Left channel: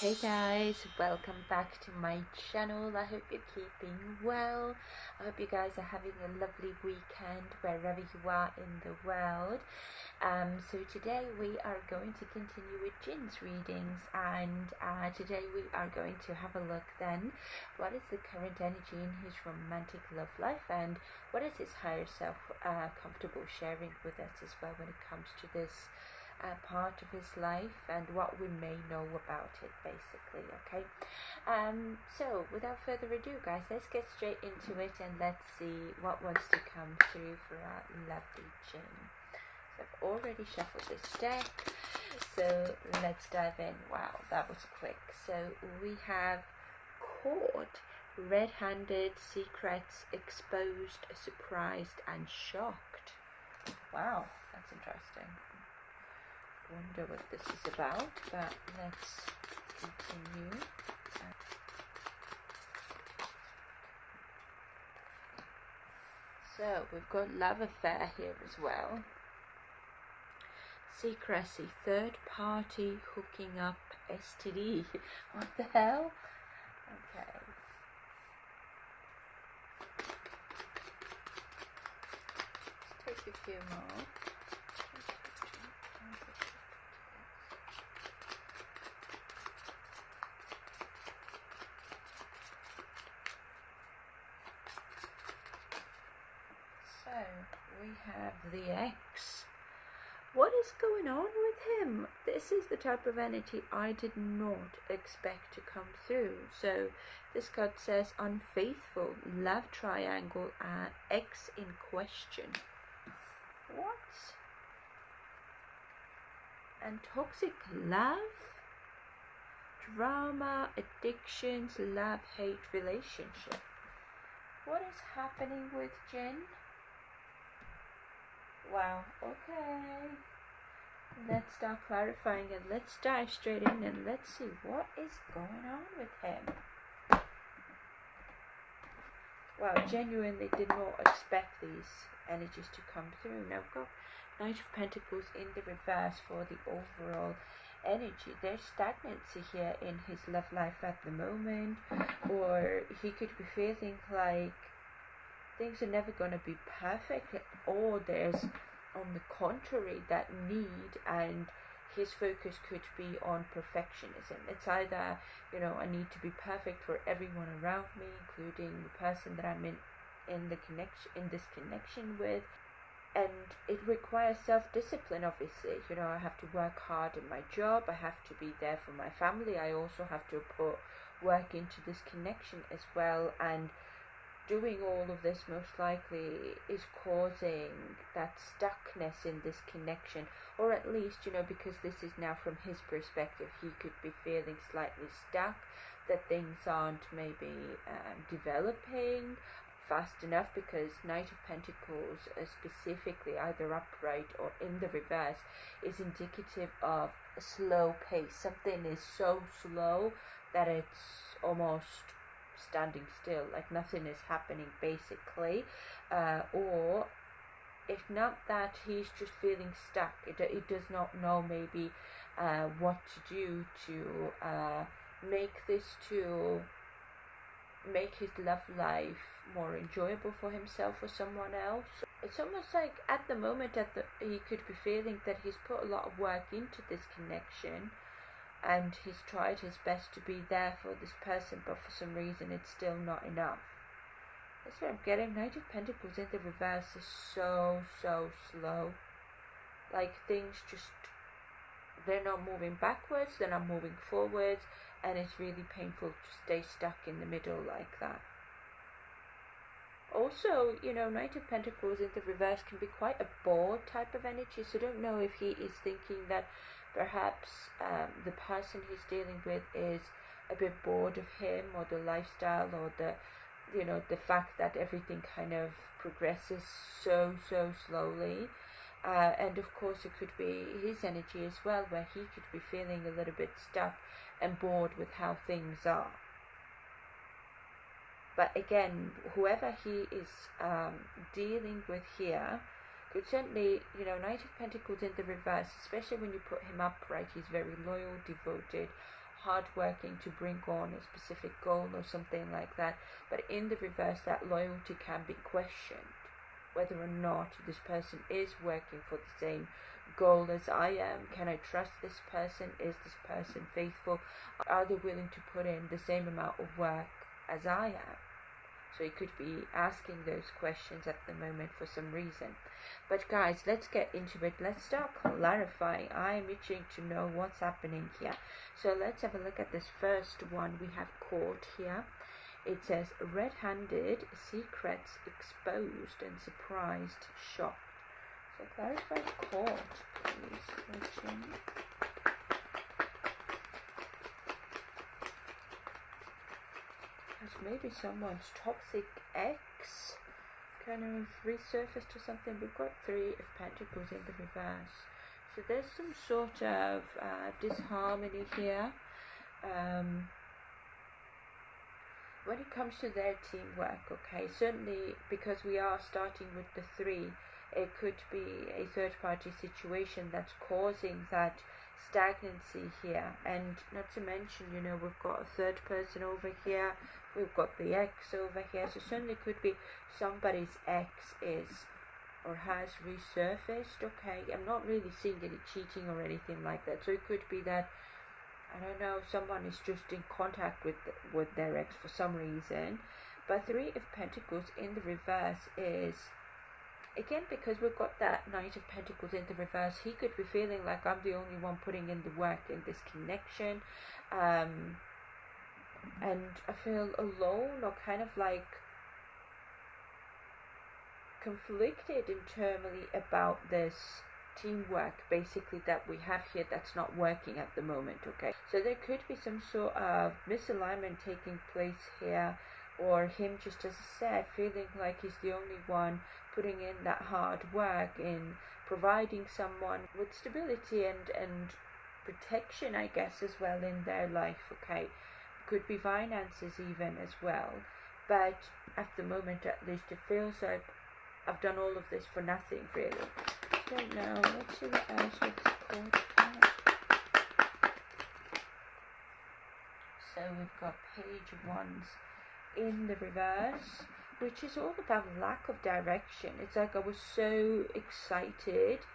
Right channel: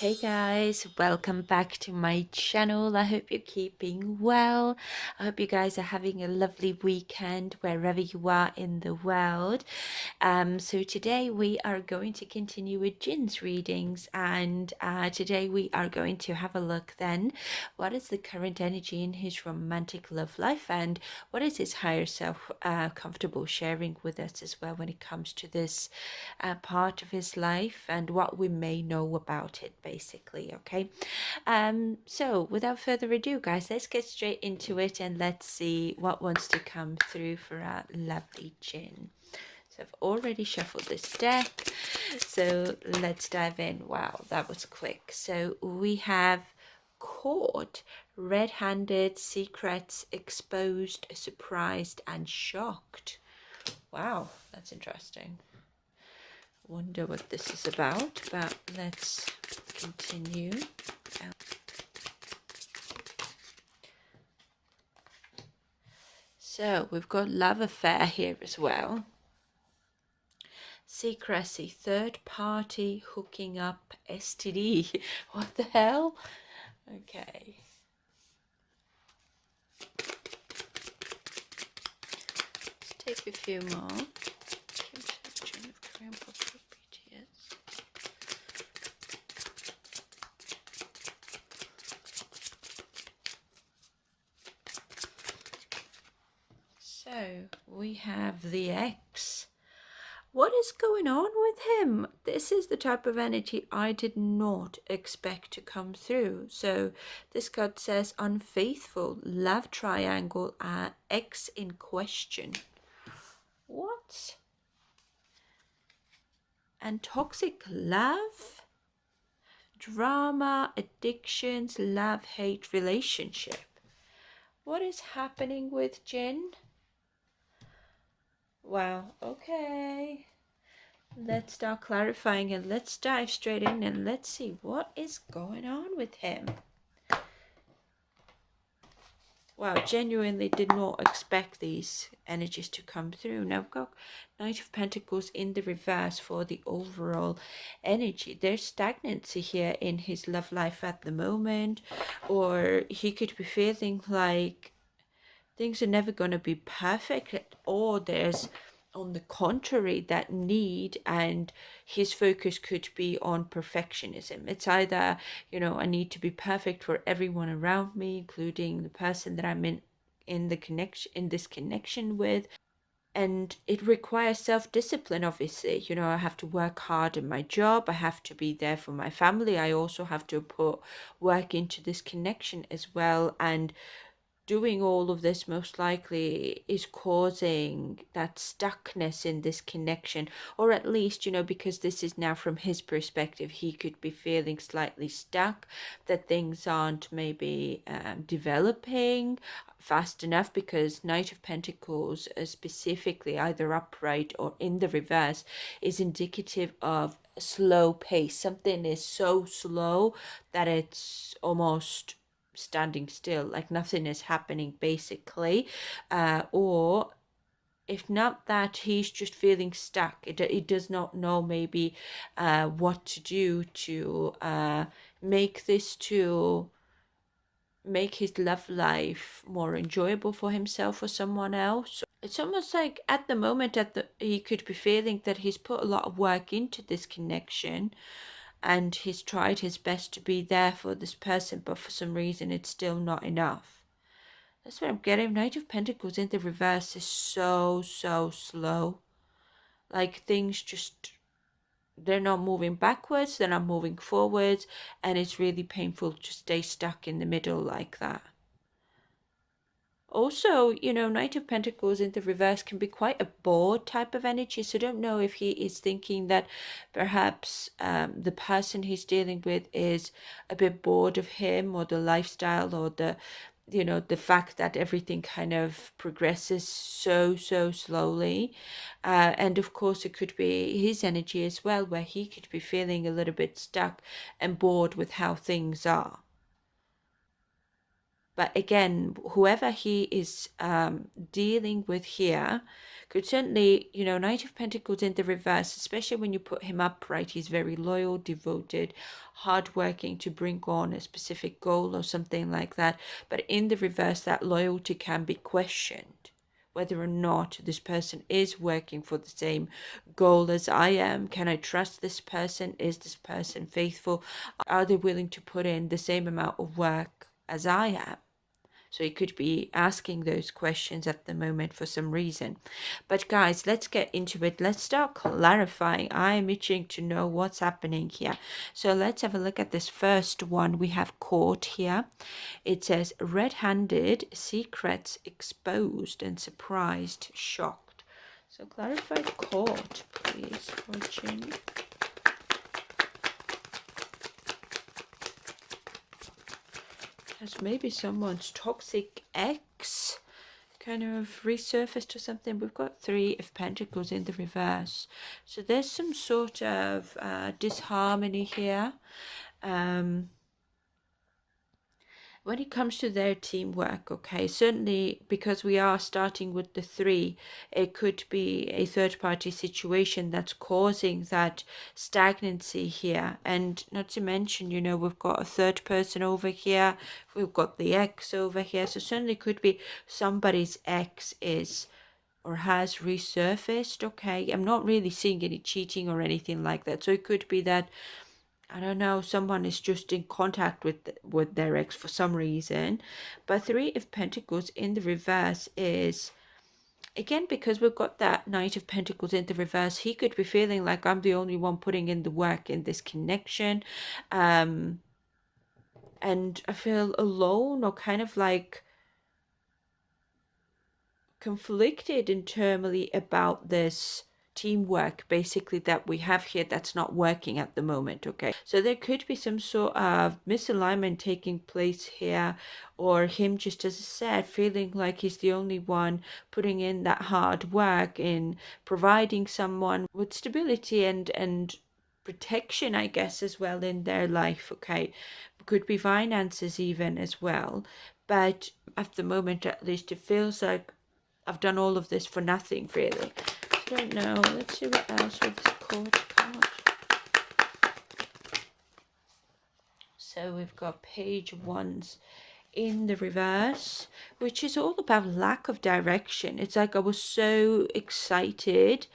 Hey guys, welcome back to my channel. I hope you're keeping well. I hope you guys are having a lovely weekend wherever you are in the world. So today we are going to continue with Jin's readings, and today we are going to have a look then what is the current energy in his romantic love life, and what is his higher self comfortable sharing with us as well when it comes to this part of his life and what we may know about it, basically. Okay, so without further ado, guys, let's get straight into it and let's see what wants to come through for our lovely Jin. So I've already shuffled this deck, so let's dive in. Wow, that was quick. So we have caught, red-handed, secrets exposed, surprised and shocked. Wow, that's interesting. Wonder what this is about, but let's continue. So we've got love affair here as well. Secrecy, third party, hooking up, STD. What the hell? Okay. Let's take a few more. So we have the X. What is going on with him? This is the type of energy I did not expect to come through. So this card says unfaithful, love triangle, X in question. What? And toxic love, drama, addictions, love, hate, relationship. What is happening with Jin? Wow, okay. Let's start clarifying and let's dive straight in and let's see what is going on with him. Wow, genuinely did not expect these energies to come through. Now we've got Knight of Pentacles in the reverse for the overall energy. There's stagnancy here in his love life at the moment, or he could be feeling like things are never going to be perfect, or there's, on the contrary, that need, and his focus could be on perfectionism. It's either, I need to be perfect for everyone around me, including the person that I'm in this connection with. And it requires self-discipline, obviously. I have to work hard in my job. I have to be there for my family. I also have to put work into this connection as well. And doing all of this most likely is causing that stuckness in this connection, or at least, because this is now from his perspective, he could be feeling slightly stuck, that things aren't maybe developing fast enough, because Knight of Pentacles, specifically either upright or in the reverse, is indicative of a slow pace. Something is so slow that it's almost standing still, like nothing is happening, basically. Or if not that, he's just feeling stuck. It does not know maybe what to do to make his love life more enjoyable for himself or someone else. It's almost like at the moment he could be feeling that he's put a lot of work into this connection, and he's tried his best to be there for this person, but for some reason it's still not enough. That's what I'm getting. Knight of Pentacles in the reverse is so slow. Like things just, they're not moving backwards, they're not moving forwards, and it's really painful to stay stuck in the middle like that. Also, Knight of Pentacles in the reverse can be quite a bored type of energy, so don't know if he is thinking that perhaps the person he's dealing with is a bit bored of him, or the lifestyle, or the fact that everything kind of progresses so slowly. And of course it could be his energy as well, where he could be feeling a little bit stuck and bored with how things are. But again, whoever he is dealing with here Could certainly, you know, Knight of Pentacles in the reverse, especially when you put him upright, he's very loyal, devoted, hardworking to bring on a specific goal or something like that. But in the reverse, that loyalty can be questioned, whether or not this person is working for the same goal as I am. Can I trust this person? Is this person faithful? Are they willing to put in the same amount of work as I am? So he could be asking those questions at the moment for some reason. But guys, let's get into it. Let's start clarifying. I am itching to know what's happening here. So let's have a look at this first one. We have Court here. It says red-handed, secrets exposed, and surprised, shocked. So clarify Court, please, Fortune. Because maybe someone's toxic ex kind of resurfaced or something. We've got 3 of Pentacles in the reverse. So there's some sort of disharmony here. When it comes to their teamwork, okay, certainly because we are starting with the 3, it could be a third-party situation that's causing that stagnancy here. And not to mention, you know, we've got a third person over here, we've got the ex over here, so certainly could be somebody's ex is or has resurfaced, okay. I'm not really seeing any cheating or anything like that, so it could be that, I don't know, someone is just in contact with their ex for some reason. But 3 of Pentacles in the reverse is, again, because we've got that Knight of Pentacles in the reverse, he could be feeling like I'm the only one putting in the work in this connection. And I feel alone, or kind of like conflicted internally about this teamwork basically that we have here that's not working at the moment, okay. So there could be some sort of misalignment taking place here, or him, just as I said, feeling like he's the only one putting in that hard work in providing someone with stability and protection, I guess, as well in their life, okay. Could be finances even as well, but at the moment at least it feels like I've done all of this for nothing, really. I don't know. Let's see what else with this Court card. So we've got Page of Wands in the reverse, which is all about lack of direction. It's like I was so excited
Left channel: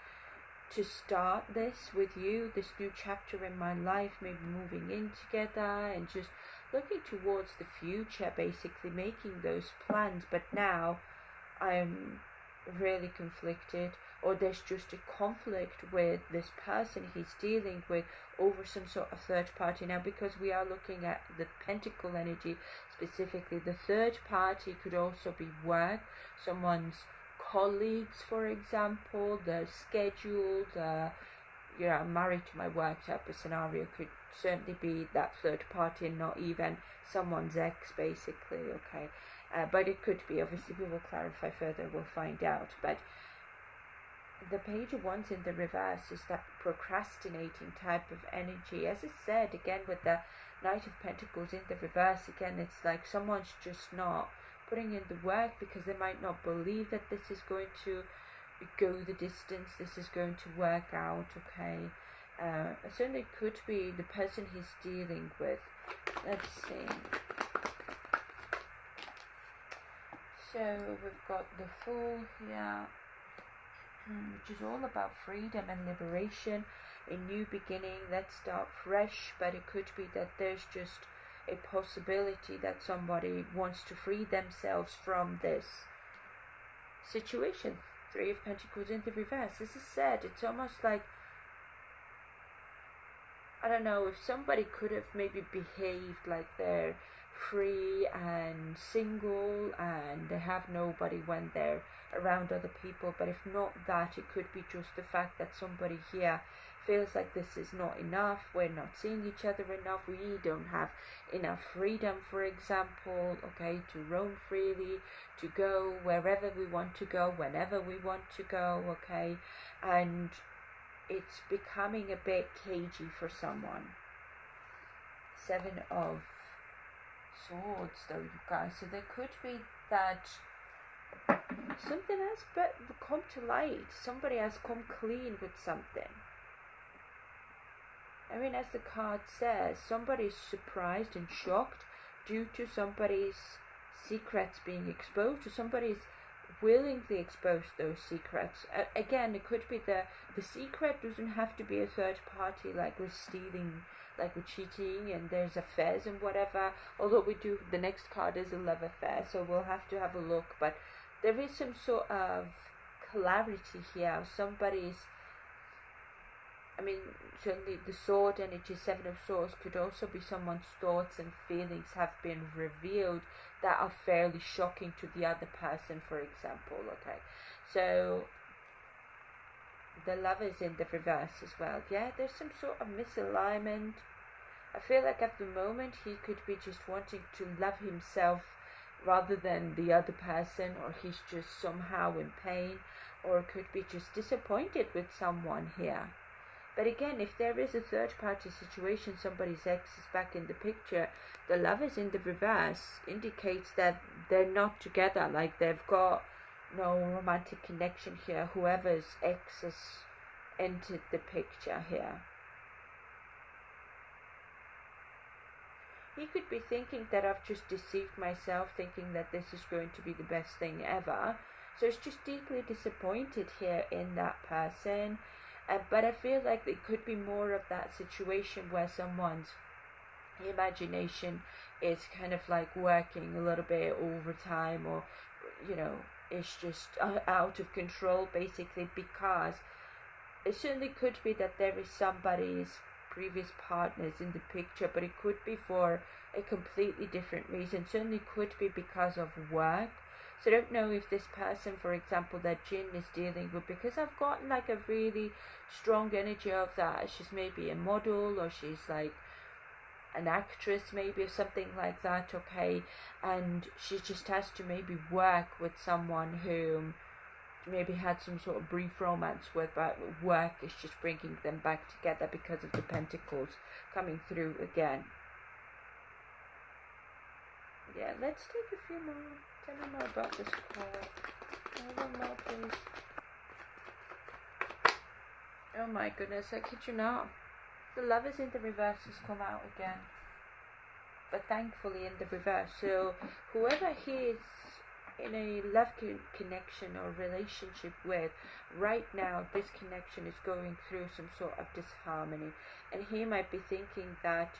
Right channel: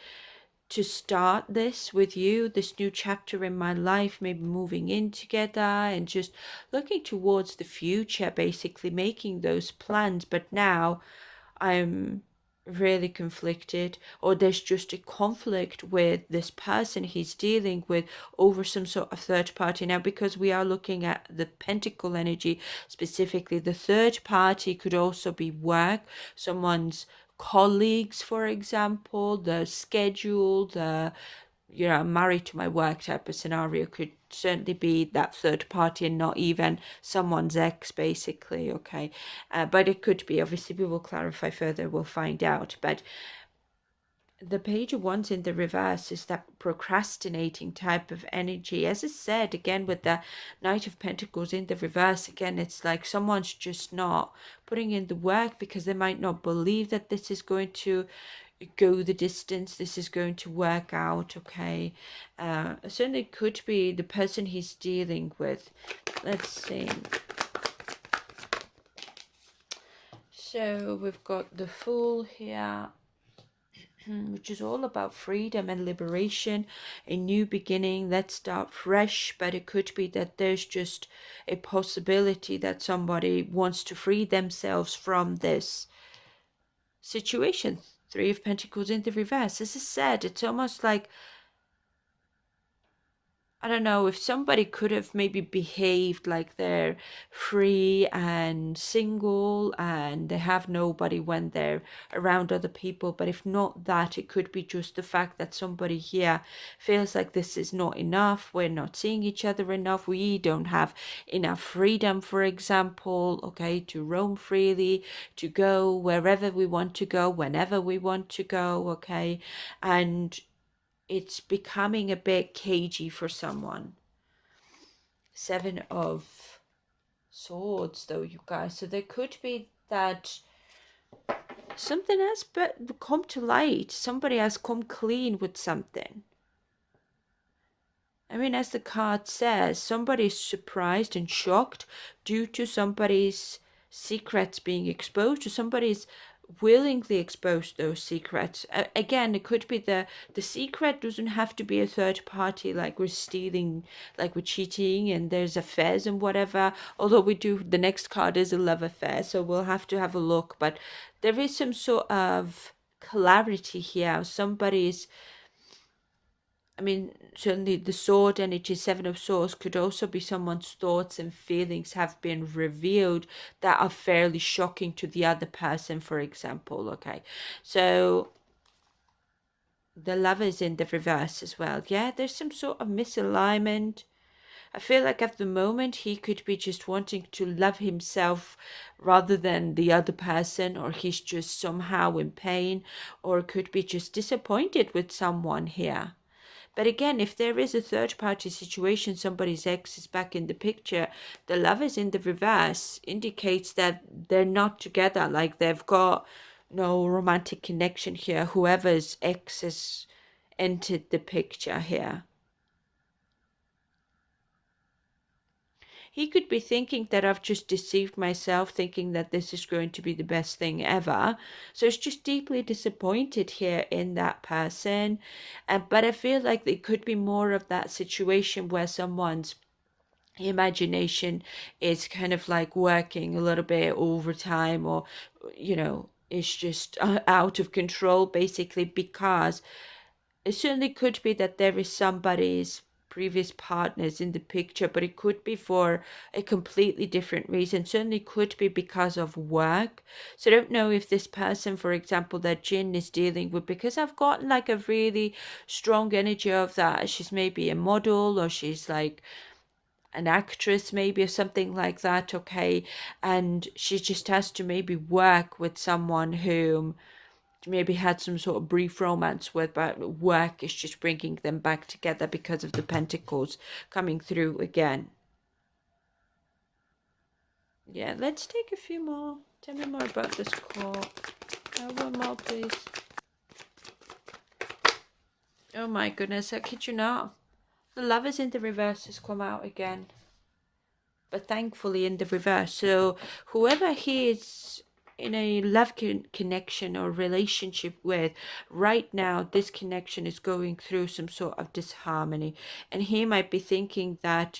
to start this with you, this new chapter in my life, maybe moving in together and just looking towards the future, basically making those plans. But now I'm really conflicted, or there's just a conflict with this person he's dealing with over some sort of third party. Now, because we are looking at the Pentacle energy specifically, the third party could also be work, someone's colleagues, for example, the schedule, the, you know, I'm married to my work type of scenario could certainly be that third party and not even someone's ex, basically, okay. But it could be, obviously we will clarify further, we'll find out. But the Page of Wands in the reverse is that procrastinating type of energy. As I said, again, with the Knight of Pentacles in the reverse, again, it's like someone's just not putting in the work because they might not believe that this is going to go the distance, this is going to work out, okay. Certainly could be the person he's dealing with. Let's see. So we've got the Fool here, which is all about freedom and liberation, a new beginning, let's start fresh. But it could be that there's just a possibility that somebody wants to free themselves from this situation. 3 of Pentacles in the reverse. As I said, it's almost like, I don't know, if somebody could have maybe behaved like they're free and single and they have nobody when they're around other people. But if not that, it could be just the fact that somebody here feels like this is not enough. We're not seeing each other enough. We don't have enough freedom, for example, okay, to roam freely, to go wherever we want to go, whenever we want to go, okay. And it's becoming a bit cagey for someone. 7 of Swords, though, you guys. So there could be that Something has come to light. Somebody has come clean with something. I mean, as the card says, somebody's surprised and shocked due to somebody's secrets being exposed, or somebody's willingly expose those secrets. Again, it could be the secret doesn't have to be a third party, like we're stealing, like we're cheating, and there's affairs and whatever. Although we do, the next card is a love affair, so we'll have to have a look. But there is some sort of clarity here. Somebody's, I mean, certainly the sword energy, Seven of Swords, could also be someone's thoughts and feelings have been revealed that are fairly shocking to the other person, for example. Okay, so the Lover's in the reverse as well. Yeah, there's some sort of misalignment. I feel like at the moment he could be just wanting to love himself rather than the other person, or he's just somehow in pain, or could be just disappointed with someone here. But again, if there is a third party situation, somebody's ex is back in the picture, the Lovers in the reverse indicates that they're not together, like they've got no romantic connection here. Whoever's ex has entered the picture here. He could be thinking that I've just deceived myself, thinking that this is going to be the best thing ever. So it's just deeply disappointed here in that person. But I feel like it could be more of that situation where someone's imagination is kind of like working a little bit overtime, or, it's just out of control, basically, because it certainly could be that there is somebody's previous partners in the picture, but it could be for a completely different reason. Certainly could be because of work. So I don't know if this person, for example, that Jin is dealing with, because I've gotten like a really strong energy of that she's maybe a model, or she's like an actress maybe, or something like that. Okay, and she just has to maybe work with someone who maybe had some sort of brief romance with, but work is just bringing them back together because of the pentacles coming through again. Yeah, let's take a few more. Tell me more about this call. One more, please. Oh my goodness, I kid you not. The Lovers in the reverse has come out again. But thankfully in the reverse. So whoever he is in a love connection or relationship with right now, this connection is going through some sort of disharmony, and he might be thinking that,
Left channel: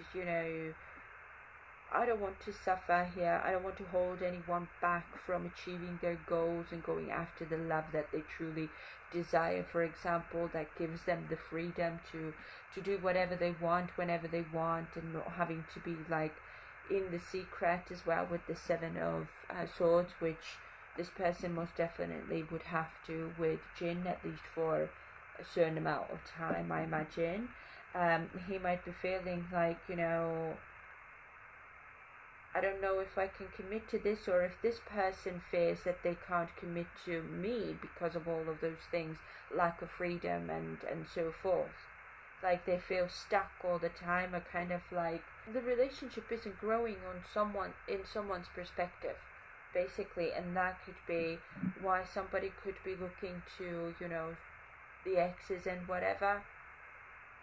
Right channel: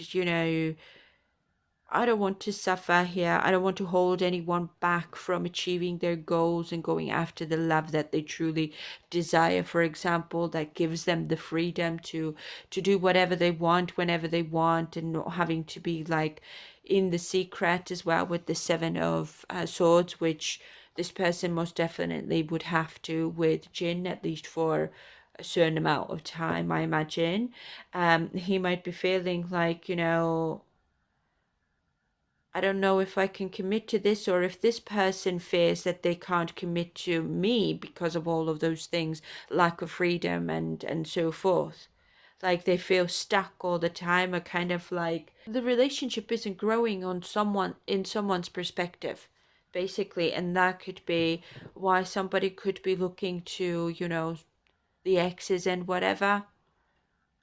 I don't want to suffer here. I don't want to hold anyone back from achieving their goals and going after the love that they truly desire, for example, that gives them the freedom to do whatever they want whenever they want, and not having to be like in the secret as well, with the Seven of Swords, which this person most definitely would have to with Jin, at least for a certain amount of time, I imagine. He might be feeling like, I don't know if I can commit to this, or if this person fears that they can't commit to me because of all of those things, lack of freedom and so forth. Like they feel stuck all the time, or kind of like the relationship isn't growing on someone's perspective, basically. And that could be why somebody could be looking to, the exes and whatever.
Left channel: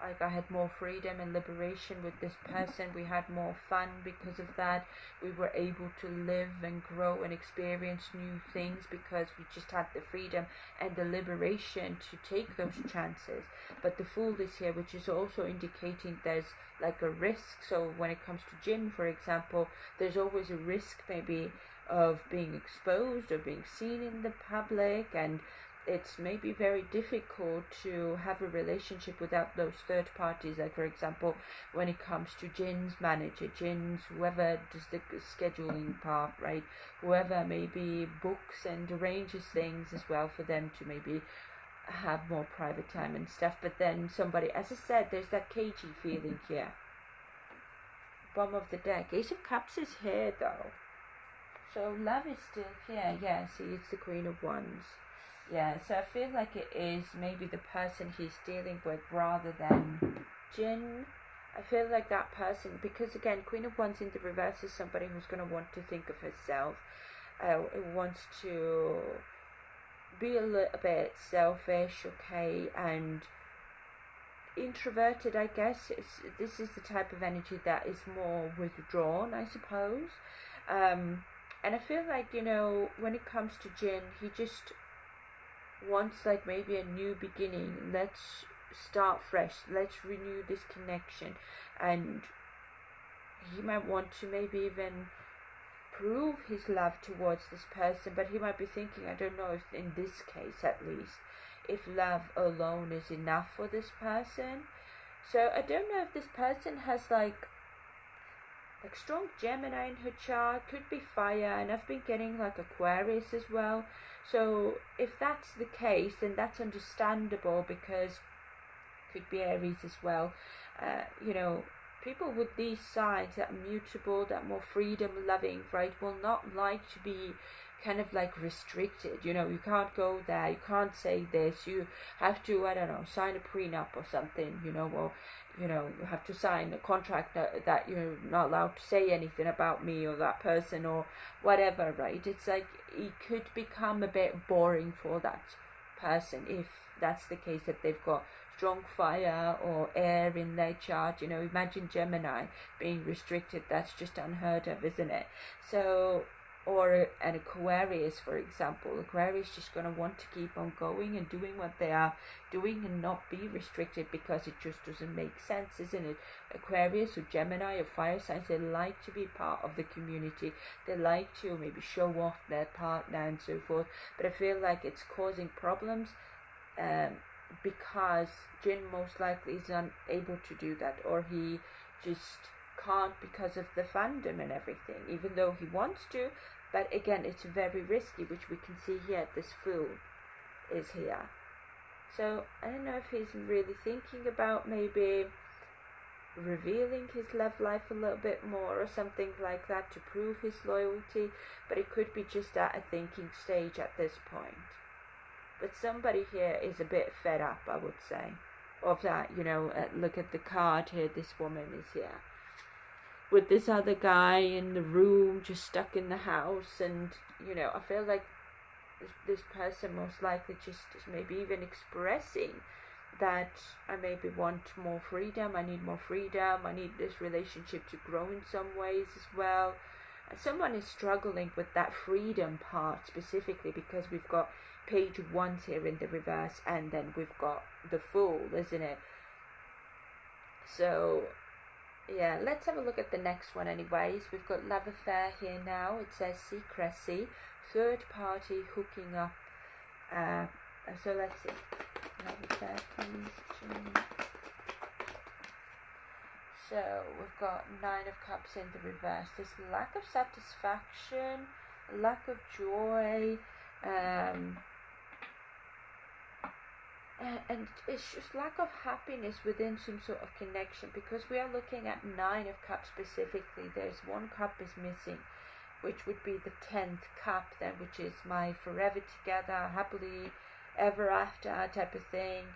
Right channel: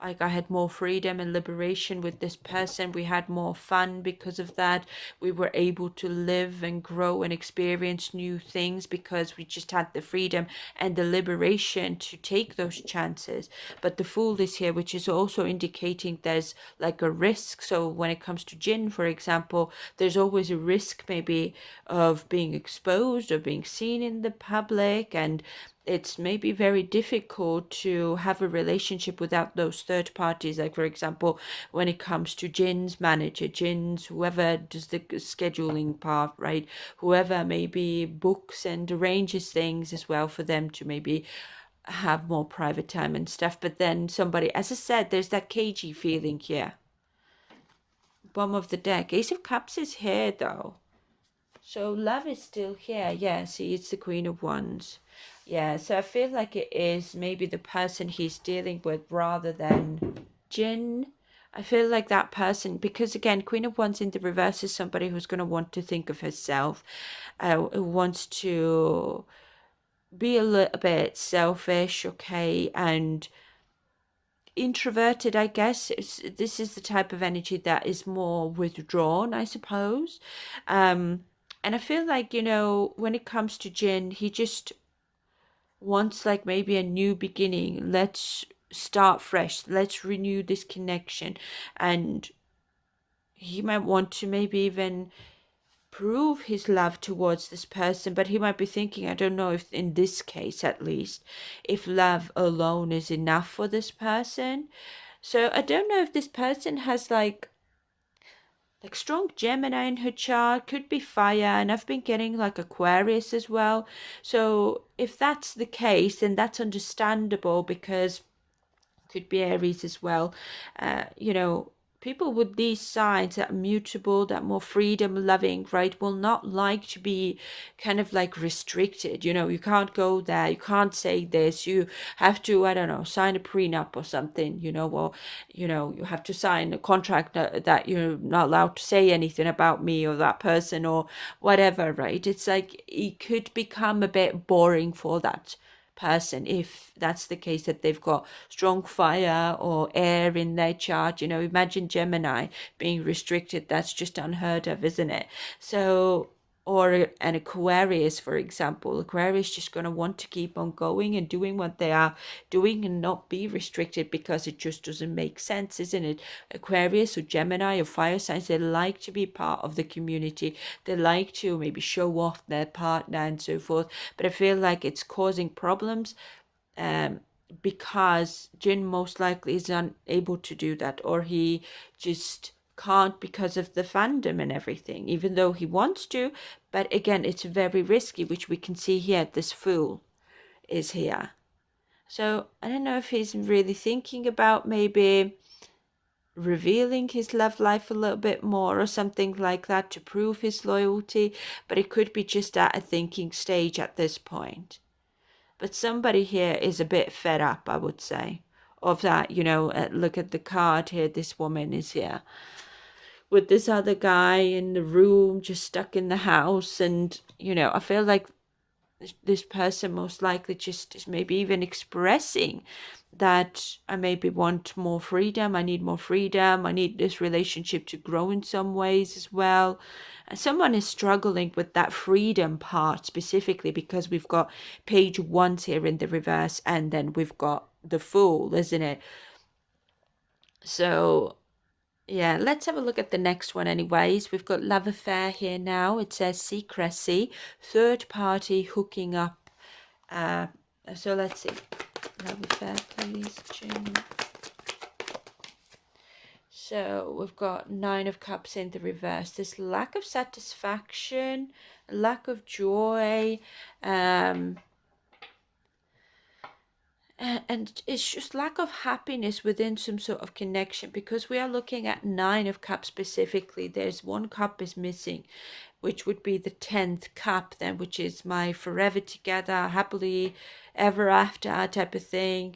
Like I had more freedom and liberation with this person. We had more fun because of that. We were able to live and grow and experience new things because we just had the freedom and the liberation to take those chances. But the Fool is here, which is also indicating there's like a risk. So when it comes to Jin, for example, there's always a risk maybe of being exposed or being seen in the public, and it's maybe very difficult to have a relationship without those third parties. Like, for example, when it comes to Jin's manager, Jin's whoever does the scheduling part, right? Whoever maybe books and arranges things as well for them to maybe have more private time and stuff. But then somebody, as I said, there's that cagey feeling here. Bottom of the deck. Ace of Cups is here though. So love is still here. Yeah, see, it's the Queen of Wands. Yeah, so I feel like it is maybe the person he's dealing with rather than Jin. I feel like that person, because again, Queen of Wands in the reverse is somebody who's going to want to think of herself, who wants to be a little bit selfish, okay, and introverted, I guess. This is the type of energy that is more withdrawn, I suppose. And I feel like, when it comes to Jin, he just wants like maybe a new beginning. Let's start fresh. Let's renew this connection. And he might want to maybe even prove his love towards this person, but he might be thinking, I don't know if in this case at least, if love alone is enough for this person. So I don't know if this person has like strong Gemini in her chart, could be fire, and I've been getting like Aquarius as well. So if that's the case, then that's understandable, because could be Aries as well. People with these signs that are mutable, that more freedom loving, right, will not like to be kind of like restricted. You can't go there, you can't say this, you have to, I don't know, sign a prenup or something, or you have to sign a contract that you're not allowed to say anything about me or that person or whatever, right? It's like it could become a bit boring for that person if that's the case, that they've got strong fire or air in their chart. Imagine Gemini being restricted. That's just unheard of, isn't it? So, or an Aquarius, for example. Aquarius just going to want to keep on going and doing what they are doing and not be restricted, because it just doesn't make sense, isn't it? Aquarius or Gemini or fire signs, they like to be part of the community. They like to maybe show off their partner and so forth. But I feel like it's causing problems because Jin most likely is unable to do that, or he just can't because of the fandom and everything, even though he wants to. But again, it's very risky, which we can see here. This Fool is here. So I don't know if he's really thinking about maybe revealing his love life a little bit more or something like that to prove his loyalty, but it could be just at a thinking stage at this point. But somebody here is a bit fed up, I would say, of that. Look at the card here. This woman is here with this other guy in the room, just stuck in the house. And, I feel like this person most likely just is maybe even expressing that I maybe want more freedom. I need more freedom. I need this relationship to grow in some ways as well. Someone is struggling with that freedom part specifically, because we've got page wands here in the reverse, and then we've got the Fool, isn't it? So yeah, let's have a look at the next one anyways. We've got love affair here now. It says secrecy, third party hooking up. So let's see. Love affair, please, June. So we've got 9 of Cups in the reverse. There's lack of satisfaction, lack of joy, and it's just lack of happiness within some sort of connection, because we are looking at 9 of Cups specifically. There's 1 cup is missing, which would be the 10th cup then, which is my forever together, happily ever after type of thing,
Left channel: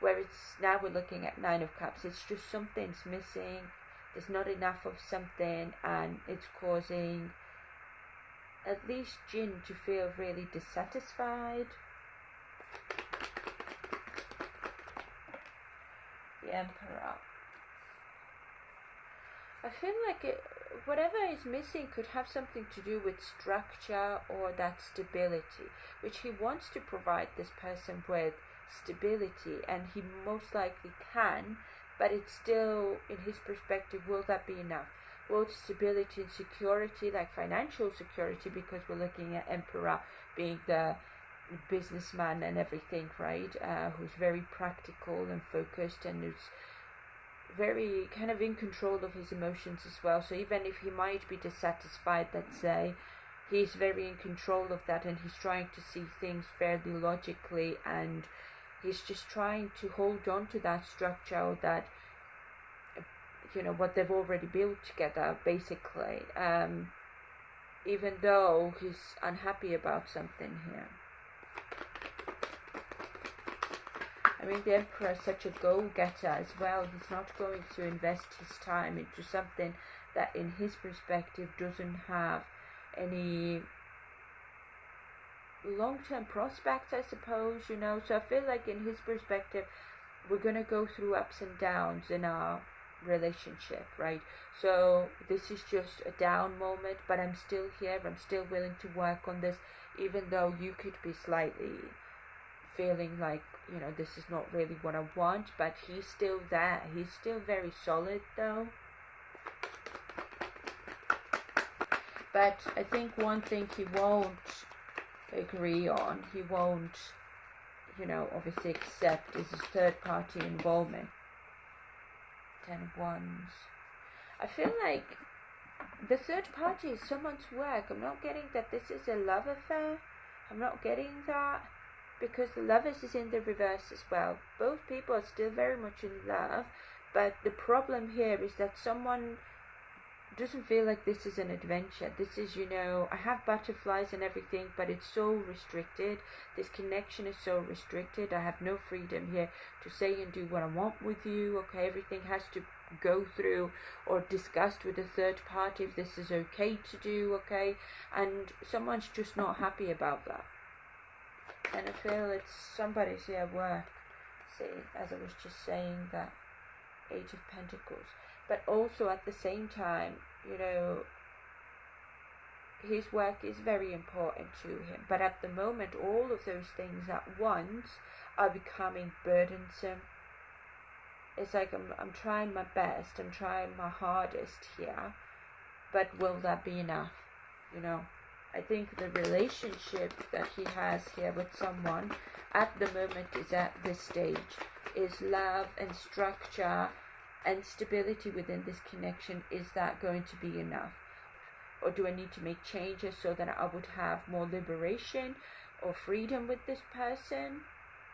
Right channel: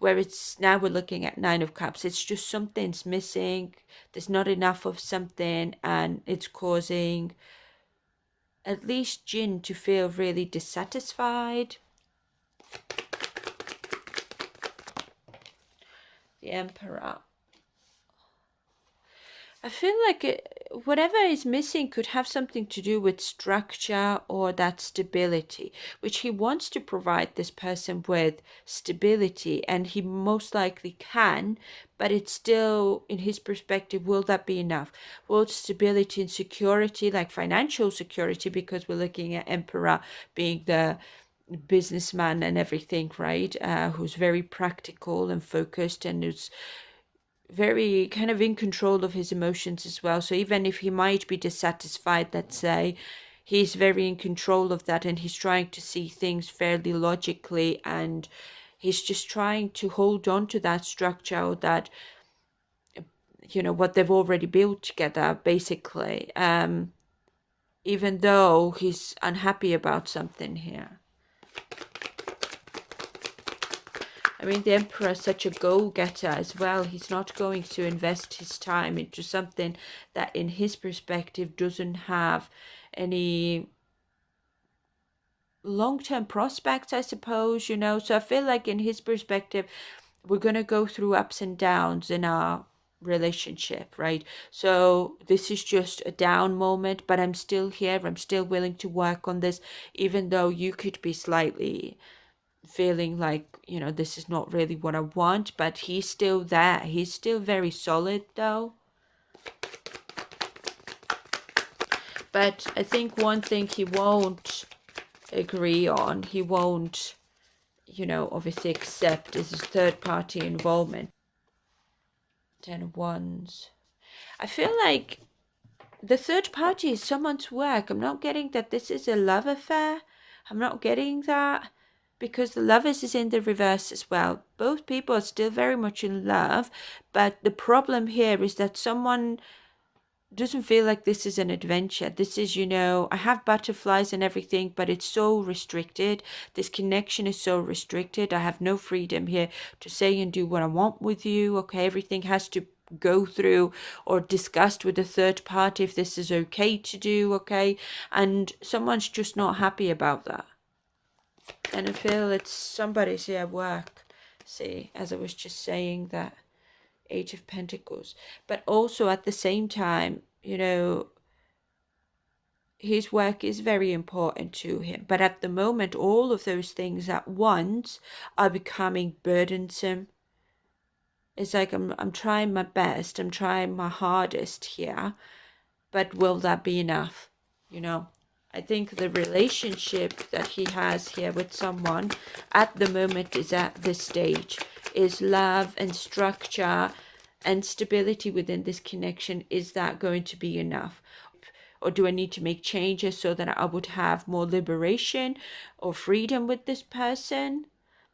where it's now we're looking at 9 of Cups. It's just something's missing. There's not enough of something, and it's causing at least Jin to feel really dissatisfied. The Emperor. I feel like whatever is missing could have something to do with structure or that stability, which he wants to provide this person with stability, and he most likely can, but it's still, in his perspective, will that be enough? Will stability and security, like financial security, because we're looking at Emperor being the businessman and everything, right? Who's very practical and focused, and who's very kind of in control of his emotions as well. So even if he might be dissatisfied, let's say, he's very in control of that, and he's trying to see things fairly logically, and he's just trying to hold on to that structure, or that, what they've already built together, basically, even though he's unhappy about something here. I mean, the Emperor is such a go-getter as well. He's not going to invest his time into something that in his perspective doesn't have any long-term prospects, I suppose, you know. So I feel like in his perspective, we're going to go through ups and downs in our relationship, right? So this is just a down moment, but I'm still here. I'm still willing to work on this, even though you could be slightly feeling like, you know, this is not really what I want, but he's still there. He's still very solid though. But I think one thing he won't agree on, he won't, you know, obviously accept is his third party involvement. 10 of Wands. I feel like the third party is someone's work. I'm not getting that this is a love affair. I'm not getting that, because the lovers is in the reverse as well. Both people are still very much in love, but the problem here is that someone doesn't feel like this is an adventure. This is, you know, I have butterflies and everything, but it's so restricted. This connection is so restricted. I have no freedom here to say and do what I want with you. Okay, everything has to go through or discussed with a third party if this is okay to do. Okay, and someone's just not happy about that. And I feel it's somebody's here work. See, as I was just saying, that Eight of Pentacles. But also at the same time, you know, his work is very important to him. But at the moment, all of those things at once are becoming burdensome. It's like I'm trying my best, I'm trying my hardest here, but will that be enough? You know, I think the relationship that he has here with someone at the moment is at this stage, is love and structure and stability within this connection. Is that going to be enough? Or do I need to make changes so that I would have more liberation or freedom with this person?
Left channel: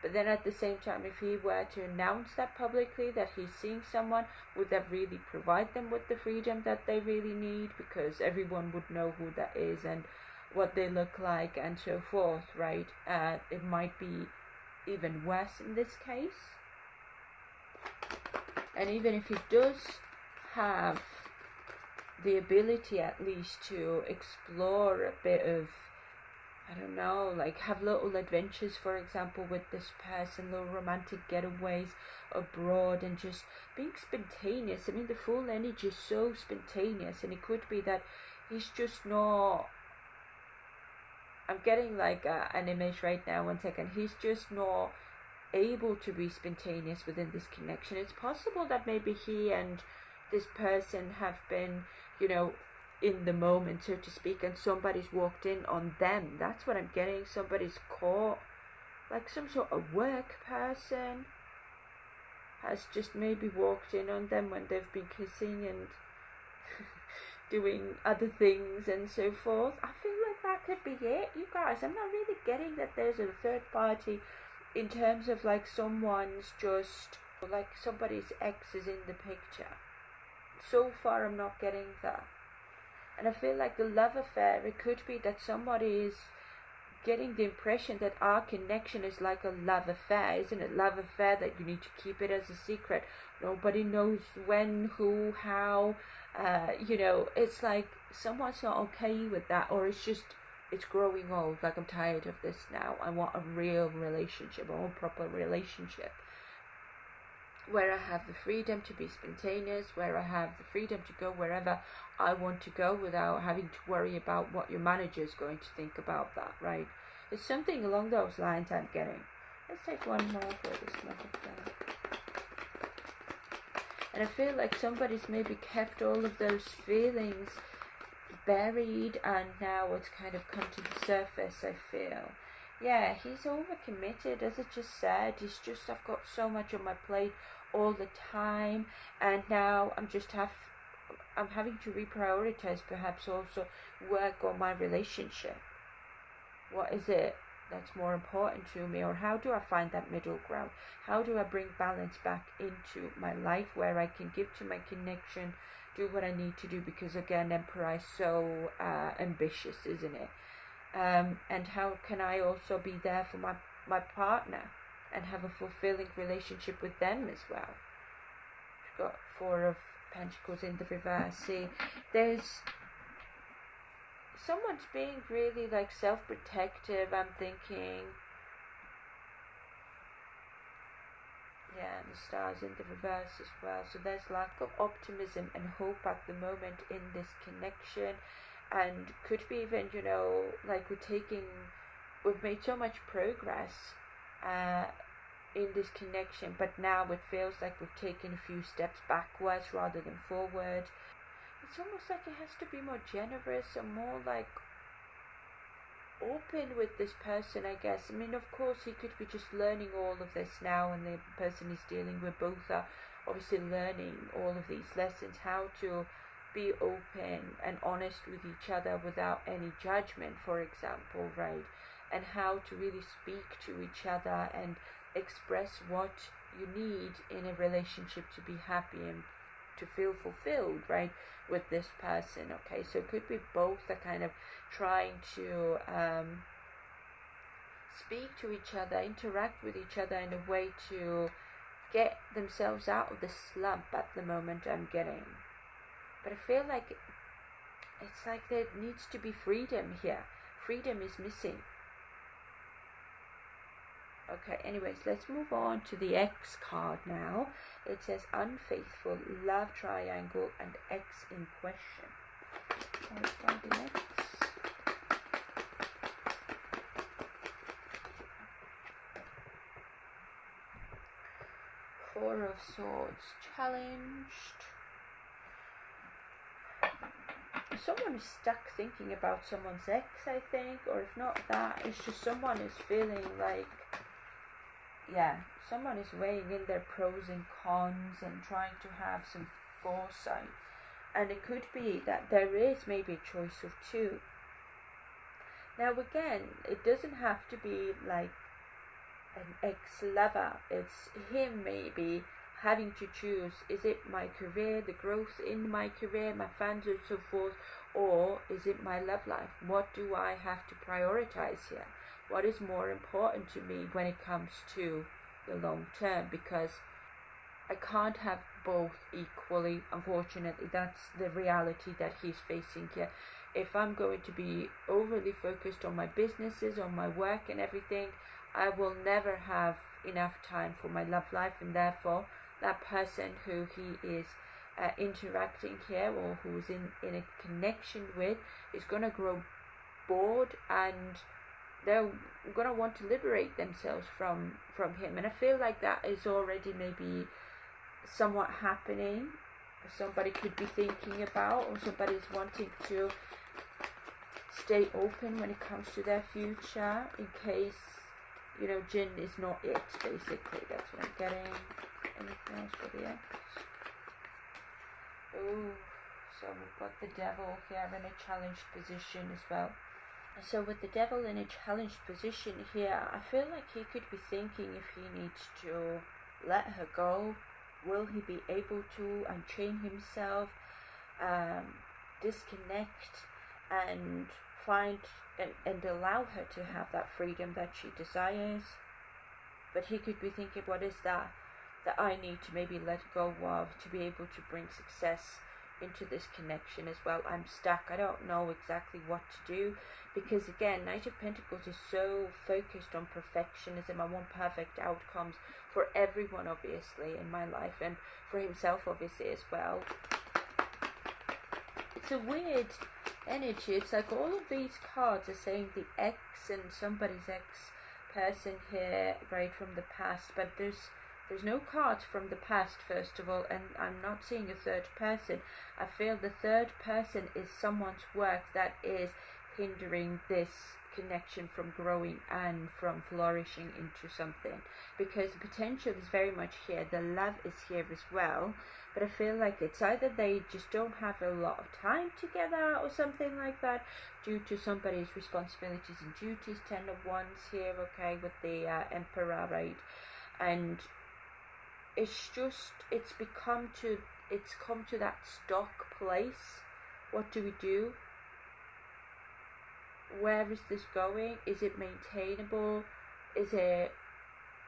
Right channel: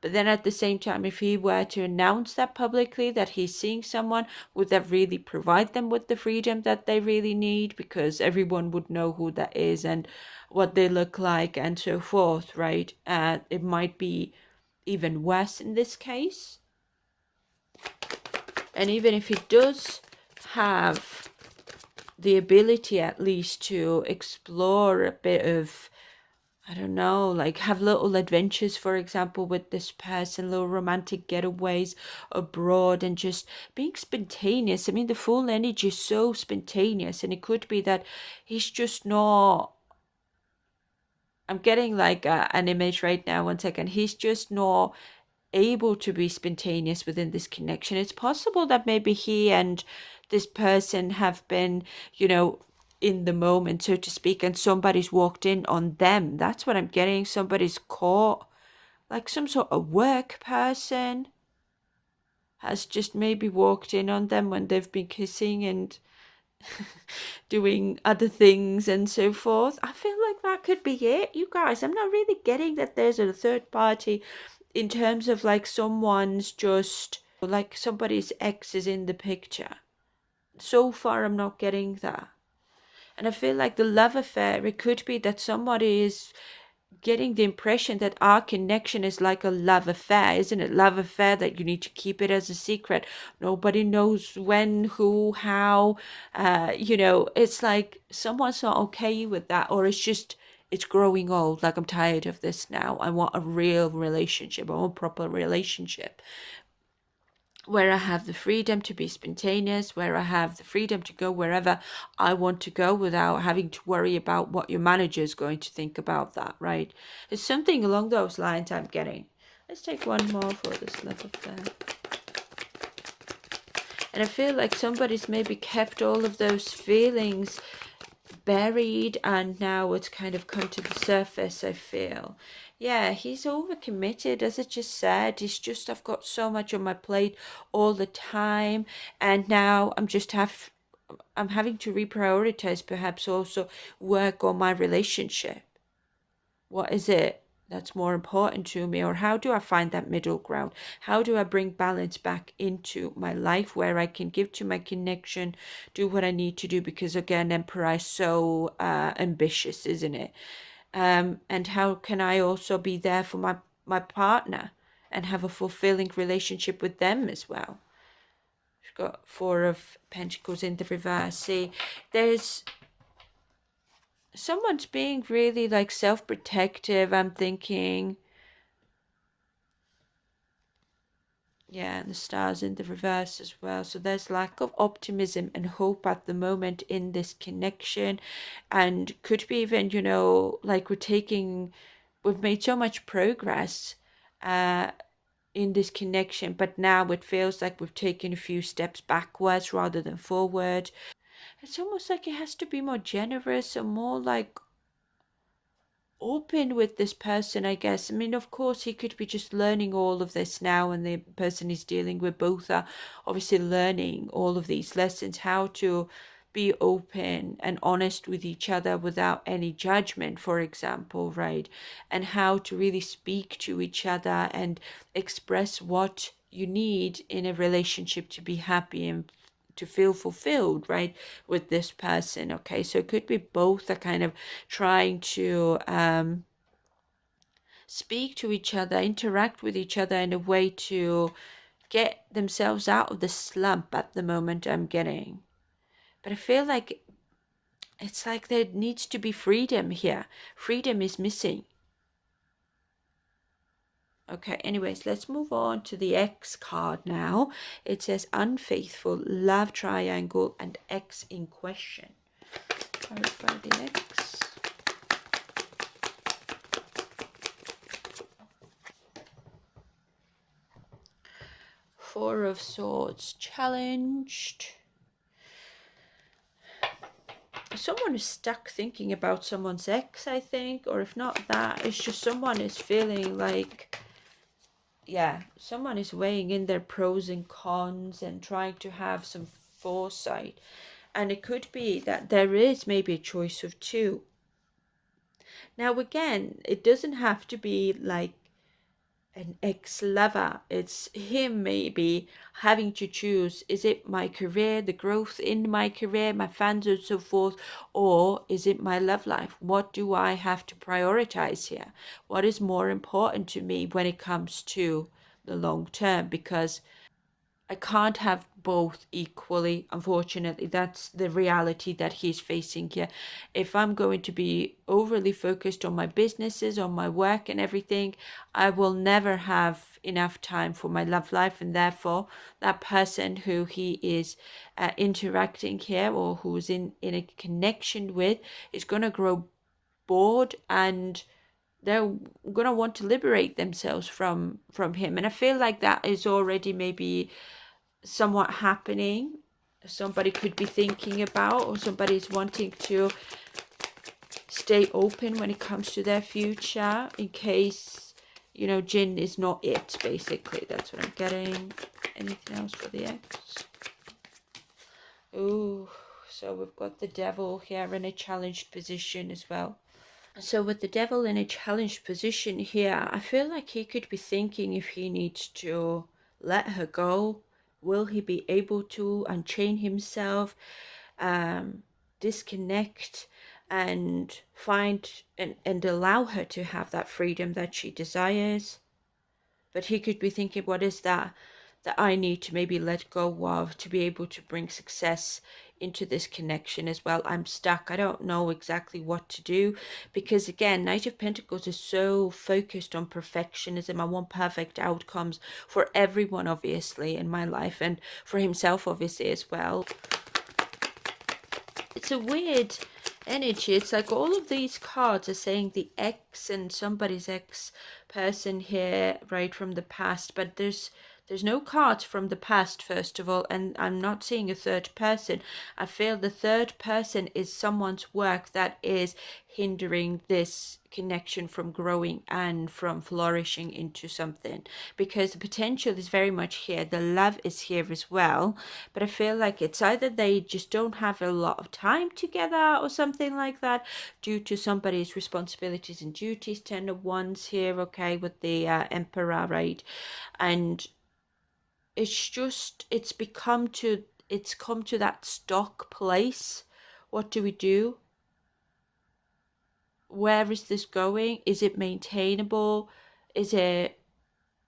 But then at the same time, if he were to announce that publicly, that he's seeing someone, would that really provide them with the freedom that they really need? Because everyone would know who that is and what they look like and so forth, right? It might be even worse in this case. And even if he does have the ability at least to explore a bit of, I don't know, like have little adventures, for example, with this person, little romantic getaways abroad and just being spontaneous. I mean, the full energy is so spontaneous, and it could be that he's just not, I'm getting like an image right now, one second, he's just not able to be spontaneous within this connection. It's possible that maybe he and this person have been, you know, in the moment, so to speak, and somebody's walked in on them. That's what I'm getting. Somebody's caught, like some sort of work person has just maybe walked in on them when they've been kissing and doing other things and so forth. I feel like that could be it, you guys. I'm not really getting that there's a third party in terms of like someone's just like somebody's ex is in the picture. So far I'm not getting that. And I feel like the love affair, it could be that somebody is getting the impression that our connection is like a love affair, isn't it? Love affair that you need to keep it as a secret. Nobody knows when, who, how. You know, it's like someone's not okay with that, or it's just, it's growing old. Like, I'm tired of this now. I want a real relationship, a proper relationship, where I have the freedom to be spontaneous, where I have the freedom to go wherever I want to go without having to worry about what your manager is going to think about that, right? It's something along those lines I'm getting. Let's take one more for this love affair. And I feel like somebody's maybe kept all of those feelings buried, and now it's kind of come to the surface, I feel. Yeah, he's overcommitted, as I just said. He's just, I've got so much on my plate all the time, and now I'm having to reprioritize, perhaps also work on my relationship. What is it that's more important to me, or how do I find that middle ground? How do I bring balance back into my life where I can give to my connection, do what I need to do? Because again, Emperor is so ambitious, isn't it? And how can I also be there for my partner and have a fulfilling relationship with them as well. We've got Four of Pentacles in the reverse. See, there's someone's being really like self-protective, I'm thinking. Yeah, and the stars in the reverse as well. So there's lack of optimism and hope at the moment in this connection. And could be even, like we've made so much progress in this connection, but now it feels like we've taken a few steps backwards rather than forward. It's almost like it has to be more generous and more like open with this person, I guess. I mean, of course, he could be just learning all of this now, and the person he's dealing with both are obviously learning all of these lessons, how to be open and honest with each other without any judgment, for example, right? And how to really speak to each other and express what you need in a relationship to be happy and to feel fulfilled, right, with this person. Okay, so it could be both are kind of trying to speak to each other, interact with each other in a way to get themselves out of the slump at the moment, I'm getting. But I feel like it's like there needs to be freedom here. Freedom is missing. Okay, anyways, let's move on to the X card now. It says unfaithful, love triangle, and X in question. Clarify the X. Four of Swords, challenged. Someone is stuck thinking about someone's ex, I think, or if not that, it's just someone is feeling like, yeah, someone is weighing in their pros and cons and trying to have some foresight. And it could be that there is maybe a choice of two. Now, again, it doesn't have to be like an ex-lover. It's him maybe having to choose, is it my career, the growth in my career, my fans and so forth, or is it my love life? What do I have to prioritize here? What is more important to me when it comes to the long term? Because I can't have both equally, unfortunately. That's the reality that he's facing here. If I'm going to be overly focused on my businesses, on my work and everything, I will never have enough time for my love life, and therefore that person who he is interacting here or who's in a connection with is going to grow bored, and they're going to want to liberate themselves from him. And I feel like that is already maybe somewhat happening. Somebody could be thinking about, or somebody's wanting to stay open when it comes to their future in case, Jinn is not it, basically. That's what I'm getting. Anything else for the X? Oh, so we've got the Devil here in a challenged position as well. So with the Devil in a challenged position here, I feel like he could be thinking if he needs to let her go. Will he be able to unchain himself, disconnect, and find and allow her to have that freedom that she desires? But he could be thinking, what is that I need to maybe let go of to be able to bring success into this connection as well? I'm stuck. I don't know exactly what to do, because again, Knight of Pentacles is so focused on perfectionism. I want perfect outcomes for everyone, obviously, in my life, and for himself, obviously, as well. It's a weird energy. It's like all of these cards are saying the ex and somebody's ex person here, right, from the past, but there's no cards from the past, first of all, and I'm not seeing a third person. I feel the third person is someone's work that is hindering this connection from growing and from flourishing into something, because the potential is very much here. The love is here as well, but I feel like it's either they just don't have a lot of time together or something like that due to somebody's responsibilities and duties. 10 of Wands here, okay, with the Emperor, right? And it's come to that stuck place. What do we do? Where is this going? Is it maintainable? Is it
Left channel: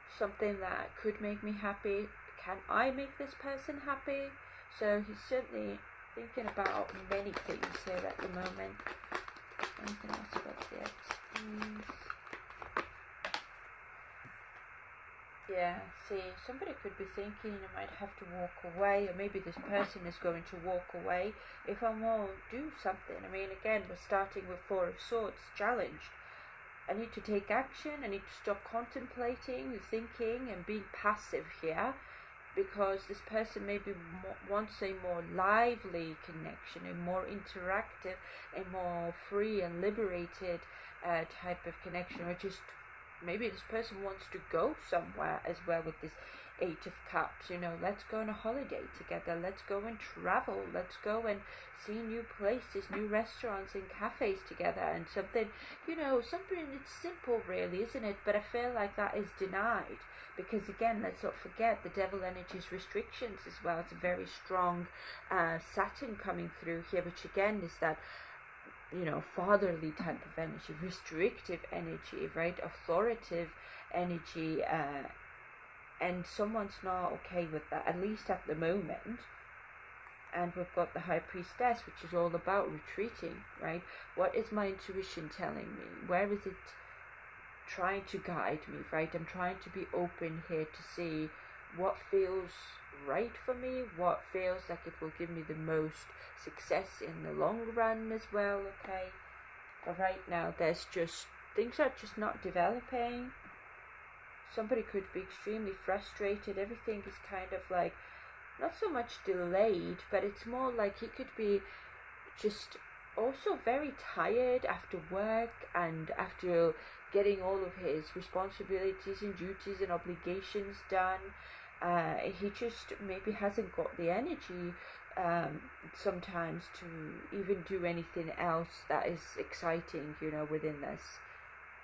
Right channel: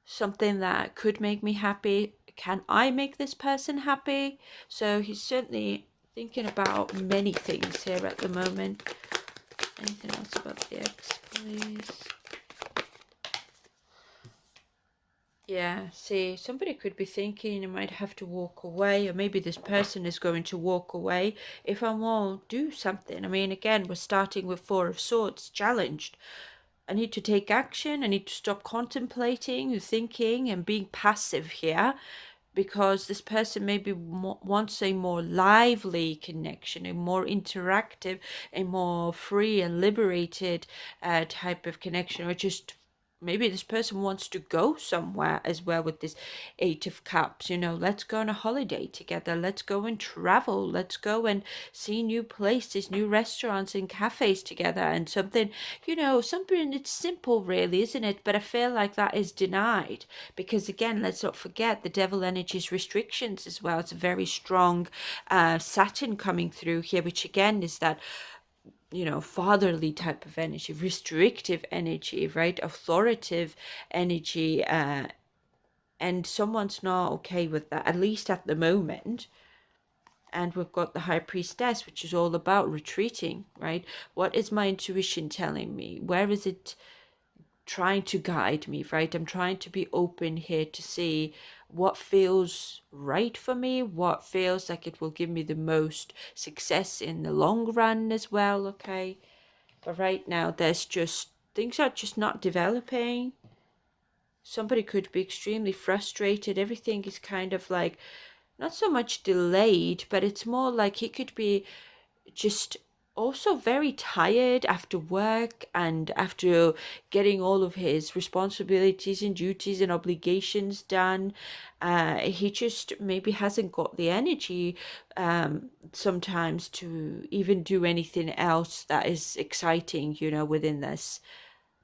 something that could make me happy. Can I make this person happy? So he's certainly thinking about many things here at the moment. Anything else about the ex, please? Yeah, see, somebody could be thinking you might have to walk away, or maybe this person is going to walk away if I won't do something. I mean, again, we're starting with Four of Swords, challenged. I need to take action. I need to stop contemplating, thinking, and being passive here, because this person maybe wants a more lively connection, a more interactive, a more free and liberated type of connection, or just maybe this person wants to go somewhere as well with this Eight of Cups. Let's go on a holiday together. Let's go and travel. Let's go and see new places, new restaurants and cafes together, and something it's simple really, isn't it? But I feel like that is denied, because again, let's not forget the devil energy's restrictions as well. It's a very strong Saturn coming through here, which again is that fatherly type of energy, restrictive energy, right? Authoritative energy, and someone's not okay with that, at least at the moment. And we've got the High Priestess, which is all about retreating, right? What is my intuition telling me? Where is it trying to guide me, right? I'm trying to be open here to see what feels right for me, what feels like it will give me the most success in the long run as well, okay? But right now, things are just not developing. Somebody could be extremely frustrated. Everything is kind of like, not so much delayed, but it's more like he could be just also very tired after work and after getting all of his responsibilities and duties and obligations done. He just maybe hasn't got the energy sometimes to even do anything else that is exciting, within this,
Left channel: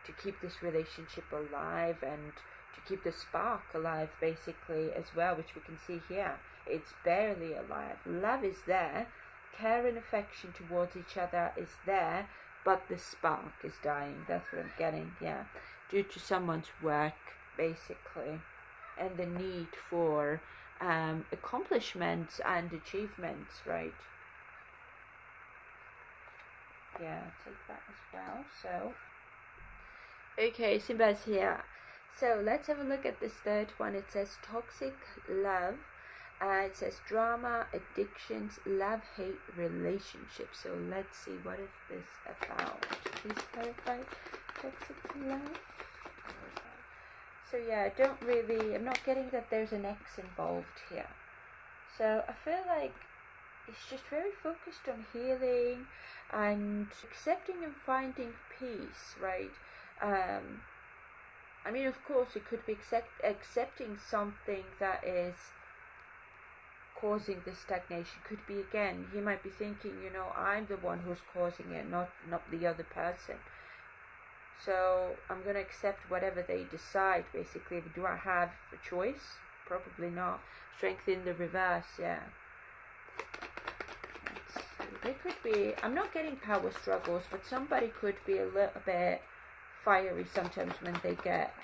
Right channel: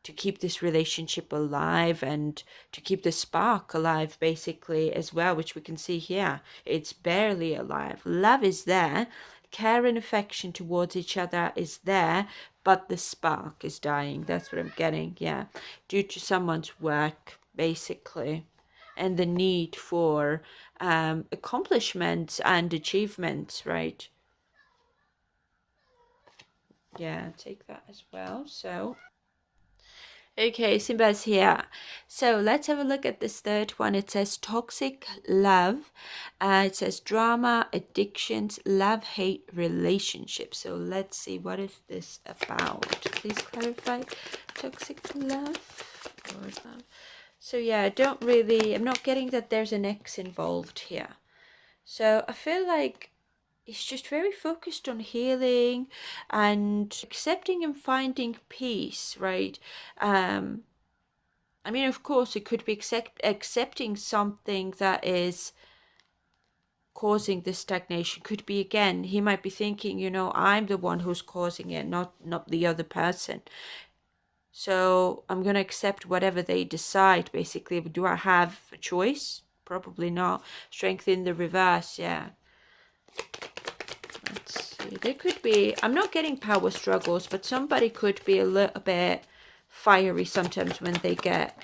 to keep this relationship alive and to keep the spark alive basically as well, which we can see here. It's barely alive. Love is there, care and affection towards each other is there, but the spark is dying. That's what I'm getting, yeah, due to someone's work basically, and the need for accomplishments and achievements, right? Yeah, take that as well. So okay, Simba's here. So let's have a look at this third one. It says toxic love. It says drama, addictions, love, hate, relationships. So let's see, what is this about? Please clarify. Toxic love. So yeah, I'm not getting that there's an ex involved here. So I feel like it's just very focused on healing and accepting and finding peace, right? I mean, of course, it could be accepting something that is causing this stagnation. Could be, again, he might be thinking, I'm the one who's causing it, not the other person. So I'm going to accept whatever they decide, basically. Do I have a choice? Probably not. Strength in the reverse, yeah. Let's see. There could be, I'm not getting power struggles, but somebody could be a little bit fiery sometimes when they get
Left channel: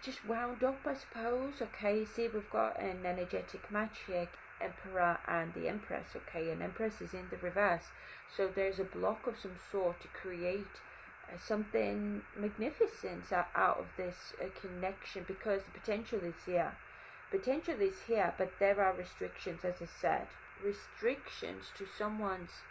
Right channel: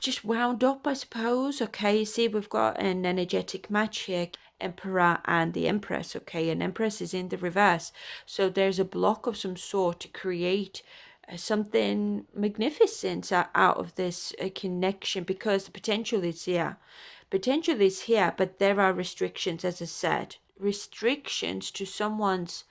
just wound up, I suppose. Okay, see, we've got an energetic match here, Emperor and the Empress. Okay, and Empress is in the reverse, so there's a block of some sort to create something magnificent out of this connection, because the potential is here. Potential is here, but there are restrictions, as I said. Restrictions to someone's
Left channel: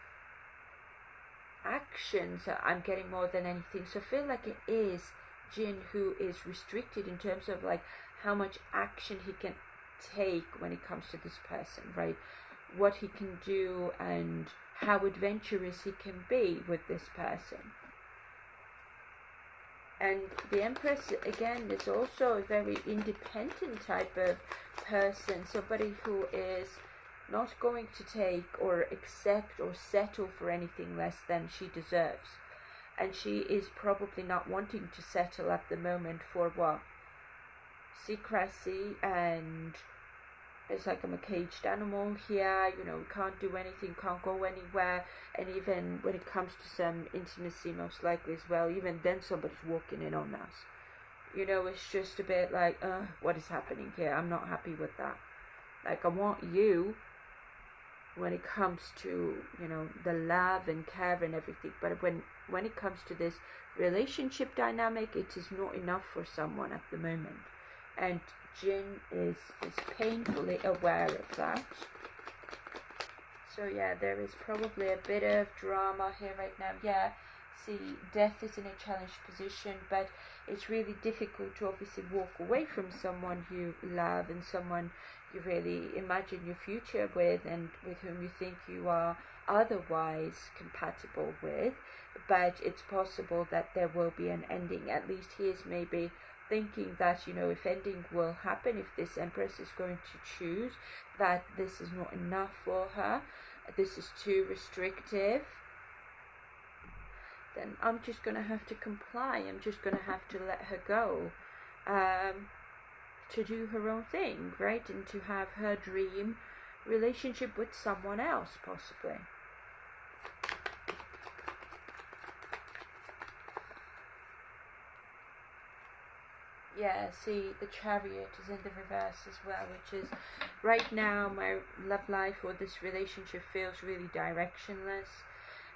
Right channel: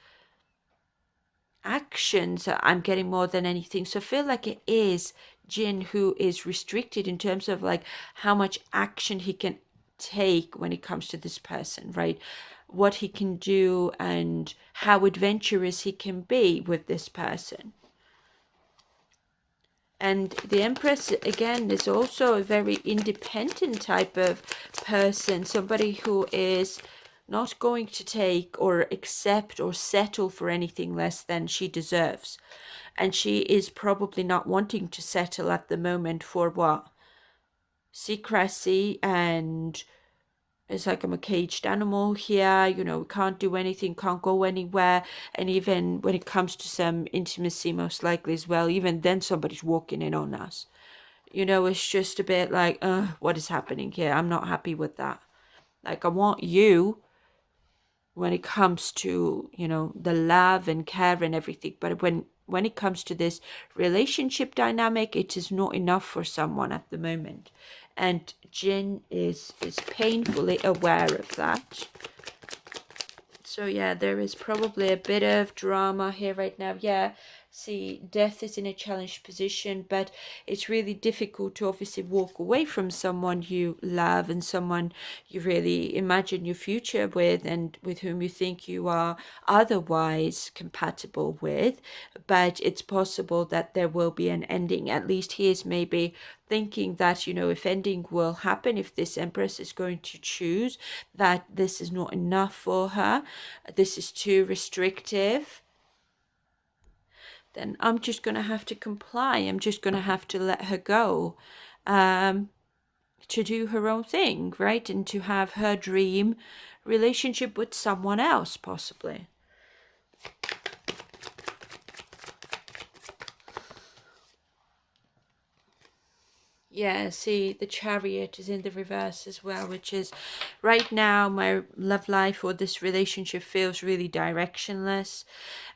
actions I'm getting more than anything. So I feel like it is Jin who is restricted in terms of like how much action he can take when it comes to this person, right? What he can do and how adventurous he can be with this person. And the Empress, again, is also a very independent type of person, somebody who is not going to take or accept or settle for anything less than she deserves. And she is probably not wanting to settle at the moment for what? Secrecy, and it's like I'm a caged animal here, we can't do anything, can't go anywhere. And even when it comes to some intimacy, most likely as well, even then somebody's walking in on us. It's just a bit like, what is happening here? I'm not happy with that. Like, I want you when it comes to, the love and care and everything. But when it comes to this relationship dynamic, it is not enough for someone at the moment. And Jin is painfully aware of that. So yeah, there is probably a bit of drama here right now. Yeah, see, death is in a challenged position, but it's really difficult to obviously walk away from someone you love and someone you really imagine your future with and with whom you think you are otherwise compatible with. But it's possible that there will be an ending. At least he is maybe thinking that, if ending will happen, if this empress is going to choose that this is not enough for her, this is too restrictive, then I'm just going to have to comply. I'm just going to have to let her go, to do her own thing, right? And to have her dream relationship with someone else, possibly. Yeah, see, the Chariot is in the reverse as well, which is right now my love life or this relationship feels really directionless.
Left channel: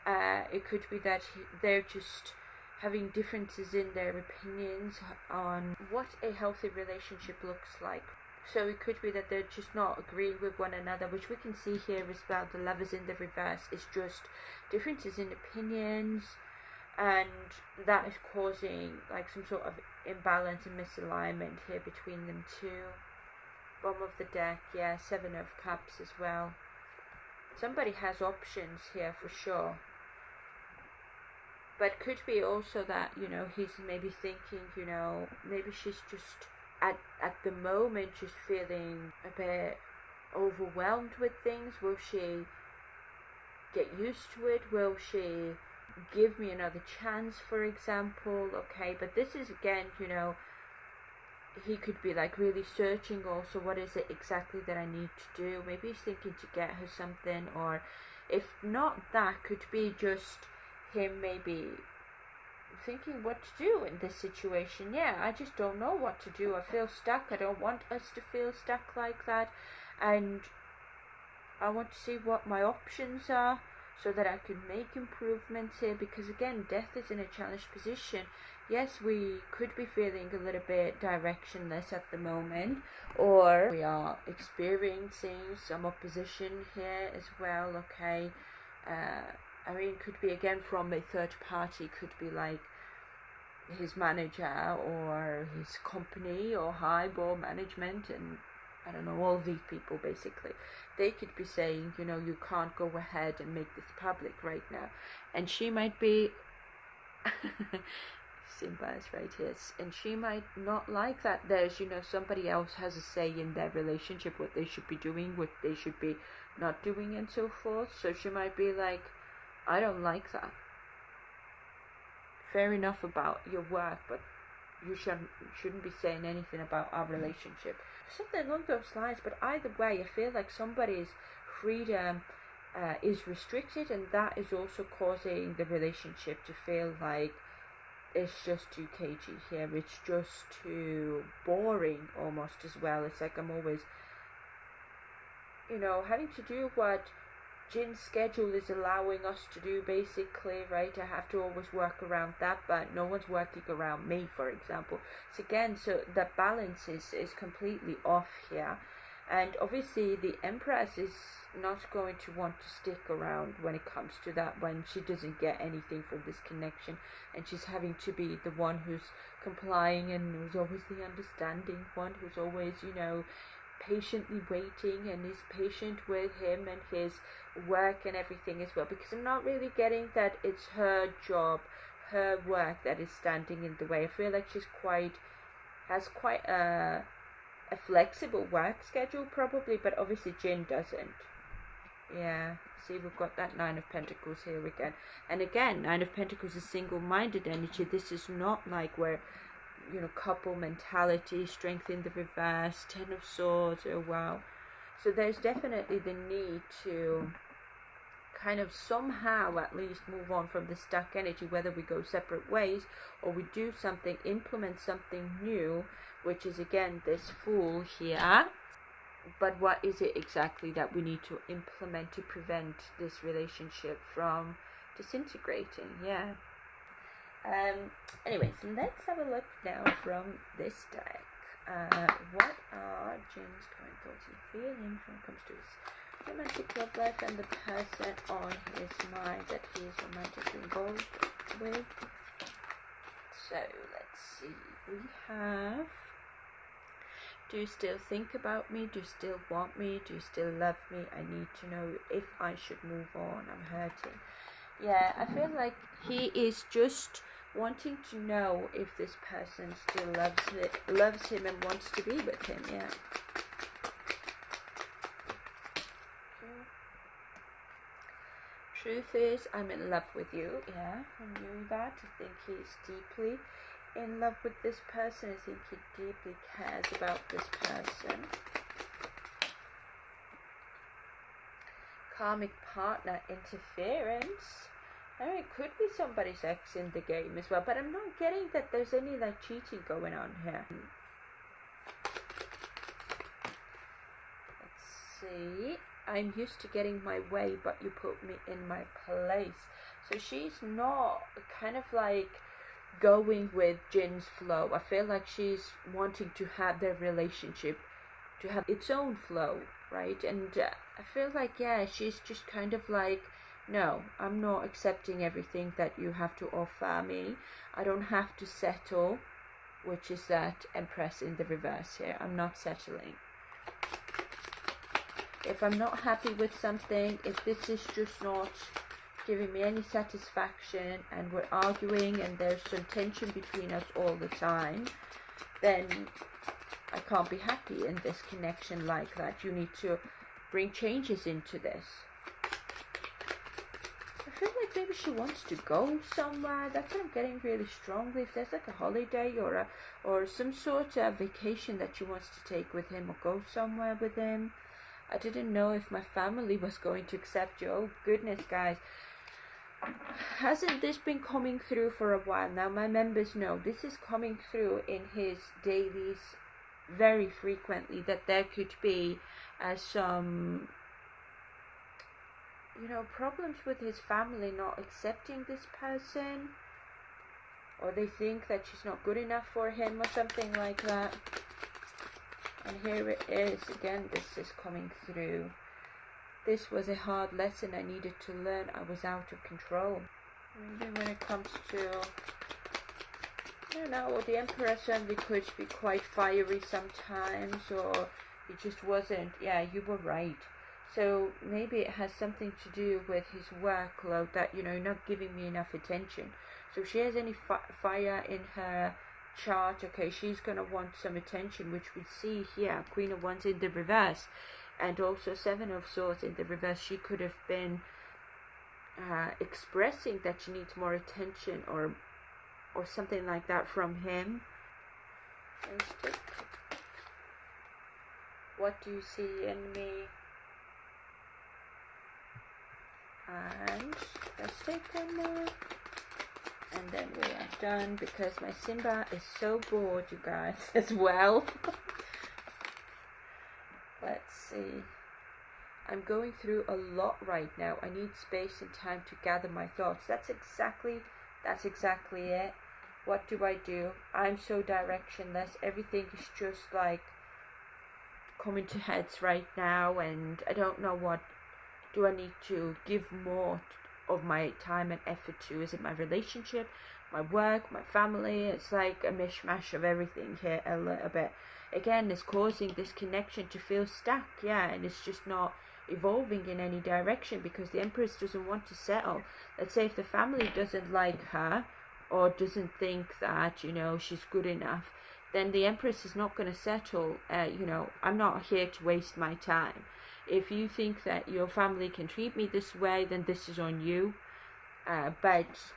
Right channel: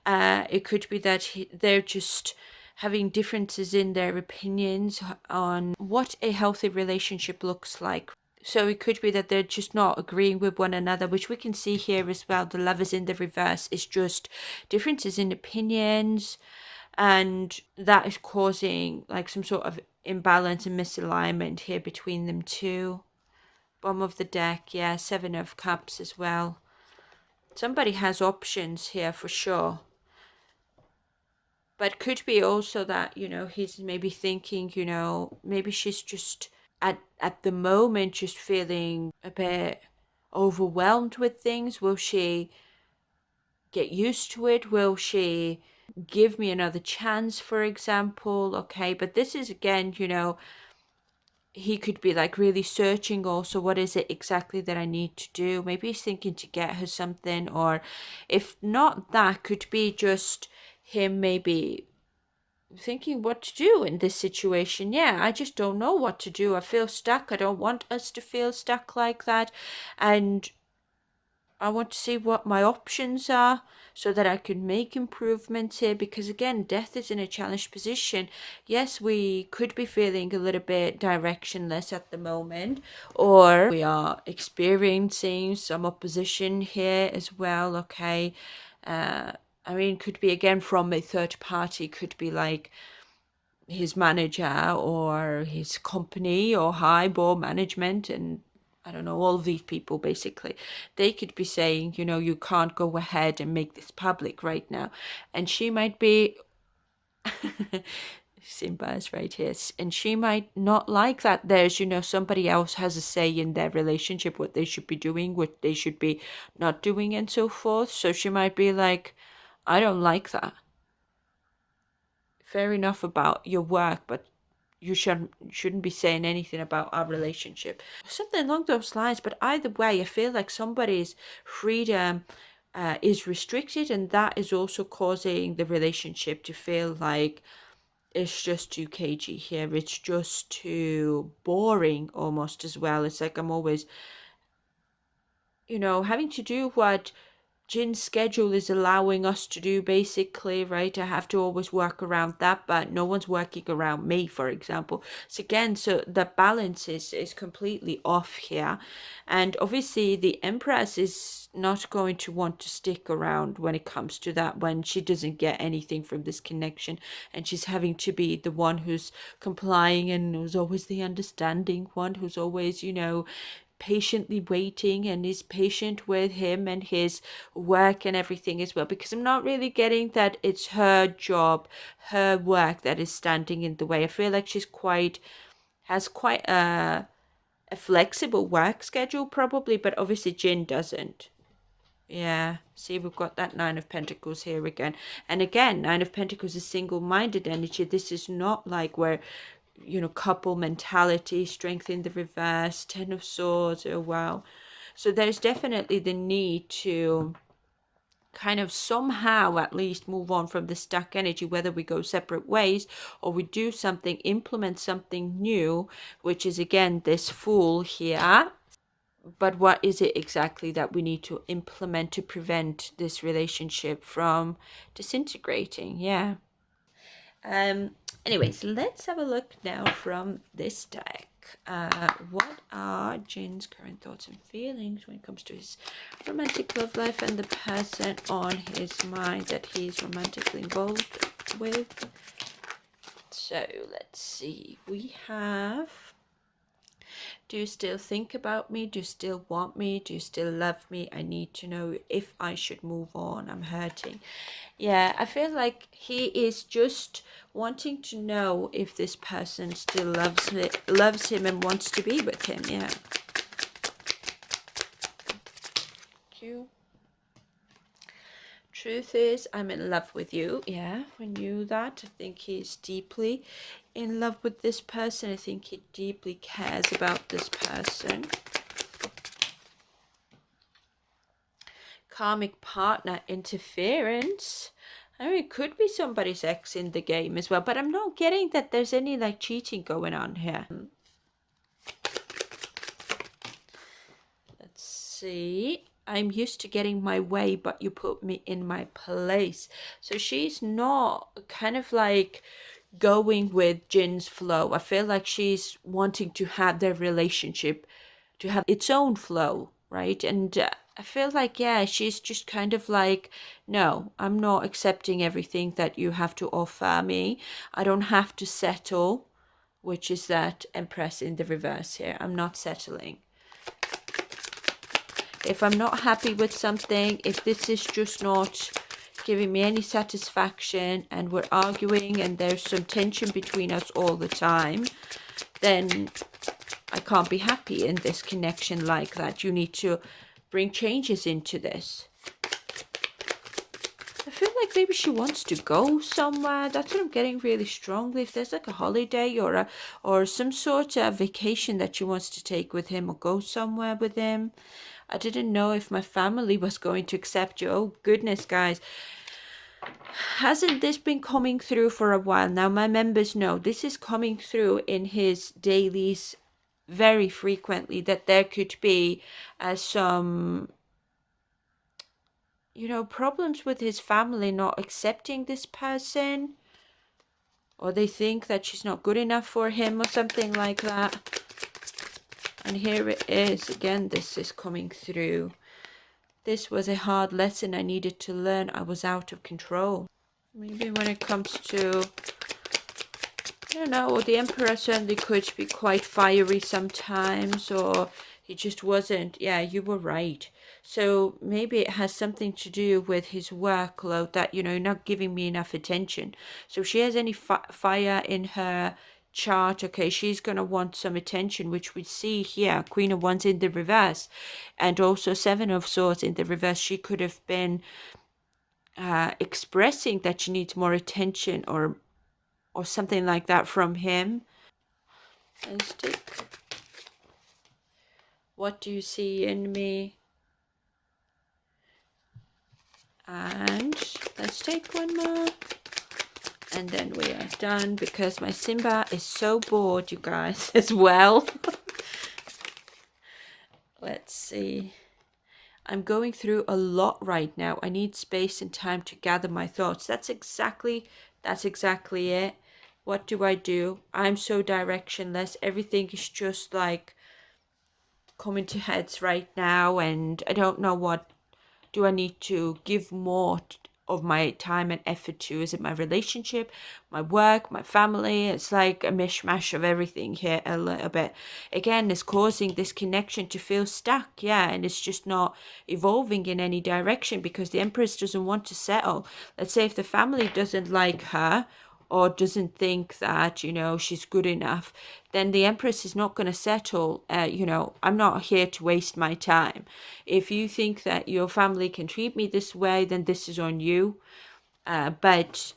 It could be that they're just having differences in their opinions on what a healthy relationship looks like. So it could be that they're just not agreeing with one another, which we can see here as well. The lovers in the reverse is just differences in opinions, and that is causing like some sort of imbalance and misalignment here between them two. Bottom of the deck, yeah, 7 of Cups as well. Somebody has options here for sure. But could be also that, he's maybe thinking, maybe she's just at the moment just feeling a bit overwhelmed with things. Will she get used to it? Will she give me another chance, for example? Okay, but this is again, he could be like really searching also, what is it exactly that I need to do? Maybe he's thinking to get her something, or if not, that could be just him maybe thinking what to do in this situation. Yeah, I just don't know what to do. I feel stuck. I don't want us to feel stuck like that, and I want to see what my options are so that I can make improvements here, because again, death is in a challenged position. Yes, we could be feeling a little bit directionless at the moment, or we are experiencing some opposition here as well. Okay, I mean, could be again from a third party, could be like his manager or his company or high board management, and I don't know, all of these people basically, they could be saying, you can't go ahead and make this public right now. And she might be, Simba is right here, and she might not like that there's, somebody else has a say in their relationship, what they should be doing, what they should be not doing, and so forth. So she might be like, I don't like that. Fair enough about your work, but you shouldn't be saying anything about our relationship, something along those lines. But either way, I feel like somebody's freedom is restricted, and that is also causing the relationship to feel like it's just too cagey here. It's just too boring almost as well. It's like I'm always, having to do what Jin's schedule is allowing us to do, basically, right? I have to always work around that, but no one's working around me, for example. So again, so the balance is completely off here. And obviously the Empress is not going to want to stick around when it comes to that, when she doesn't get anything from this connection, and she's having to be the one who's complying and who's always the understanding one, who's always, patiently waiting and is patient with him and his work and everything as well, because I'm not really getting that it's her job, her work that is standing in the way. I feel like she's has quite a flexible work schedule probably, but obviously Jin doesn't. Yeah, see, we've got that 9 of Pentacles here again. And again, 9 of Pentacles is single-minded energy. This is not like where, couple mentality, strength in the reverse, 10 of Swords. Oh, wow. So there's definitely the need to kind of somehow at least move on from the stuck energy, whether we go separate ways or we do something, implement something new, which is again this Fool here. But what is it exactly that we need to implement to prevent this relationship from disintegrating? Yeah. Anyways, let's have a look now from this deck. What are Jin's current thoughts and feelings when it comes to his romantic love life and the person on his mind that he is romantically involved with? So let's see. We have, do you still think about me? Do you still want me? Do you still love me? I need to know if I should move on. I'm hurting. Yeah, I feel like he is just wanting to know if this person still loves him and wants to be with him. Yeah. Thank you. Truth is, I'm in love with you. Yeah, I knew that. I think he's deeply in love with this person. I think he deeply cares about this person. Karmic partner interference. I mean, it could be somebody's ex in the game as well, but I'm not getting that there's any like cheating going on here. Let's see. I'm used to getting my way, but you put me in my place. So she's not kind of like going with Jin's flow. I feel like she's wanting to have their relationship to have its own flow, right? And I feel like, yeah, she's just kind of like, no, I'm not accepting everything that you have to offer me. I don't have to settle, which is that Empress in the reverse here. I'm not settling. If I'm not happy with something, if this is just not giving me any satisfaction and we're arguing and there's some tension between us all the time, then I can't be happy in this connection like that. You need to bring changes into this. I feel like maybe she wants to go somewhere. That's what I'm getting really strongly. If there's like a holiday or some sort of vacation that she wants to take with him or go somewhere with him. I didn't know if my family was going to accept you. Oh goodness, guys. Hasn't this been coming through for a while now? My members know this is coming through in his dailies very frequently, that there could be some, you know, problems with his family not accepting this person, or they think that she's not good enough for him or something like that. And here it is again. This is coming through. This was a hard lesson I needed to learn. I was out of control. Maybe when it comes to, I don't know, the Emperor certainly could be quite fiery sometimes, or he just wasn't. Yeah, you were right. So maybe it has something to do with his workload, that, you know, not giving me enough attention. So if she has any fire in her chart, okay, she's going to want some attention, which we see here. Queen of Wands in the reverse, and also Seven of Swords in the reverse. She could have been expressing that she needs more attention or something like that from him. Let's take, what do you see in me? And let's take one more. And then we are done, because my Simba is so bored, you guys, as well. Let's see. I'm going through a lot right now. I need space and time to gather my thoughts. That's exactly it. What do? I'm so directionless. Everything is just like coming to heads right now, and I don't know what do I need to give more of my time and effort to. Is it my relationship, my work, my family? It's like a mishmash of everything here a little bit. Again, it's causing this connection to feel stuck, yeah, and it's just not evolving in any direction, because the Empress doesn't want to settle. Let's say if the family doesn't like her or doesn't think that, you know, she's good enough, then the Empress is not going to settle. You know, I'm not here to waste my time. If you think that your family can treat me this way, then this is on you. But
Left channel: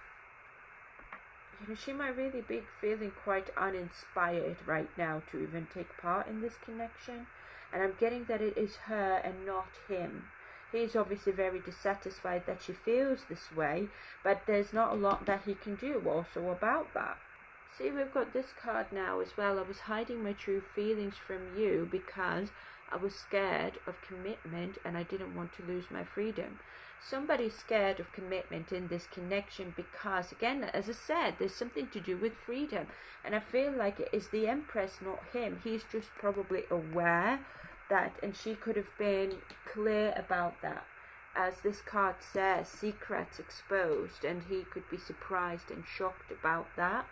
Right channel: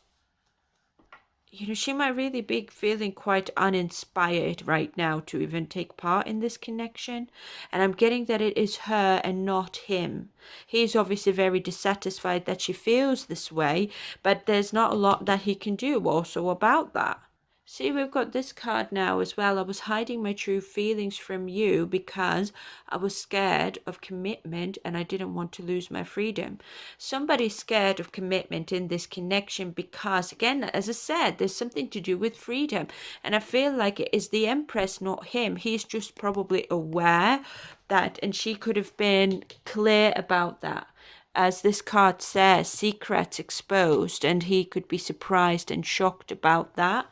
she might really be feeling quite uninspired right now to even take part in this connection. And I'm getting that it is her and not him. He's obviously very dissatisfied that she feels this way, but there's not a lot that he can do also about that. See, we've got this card now as well. I was hiding my true feelings from you because I was scared of commitment and I didn't want to lose my freedom. Somebody's scared of commitment in this connection because, again, as I said, there's something to do with freedom. And I feel like it is the Empress, not him. He's just probably aware that, and she could have been clear about that. As this card says, secrets exposed, and he could be surprised and shocked about that.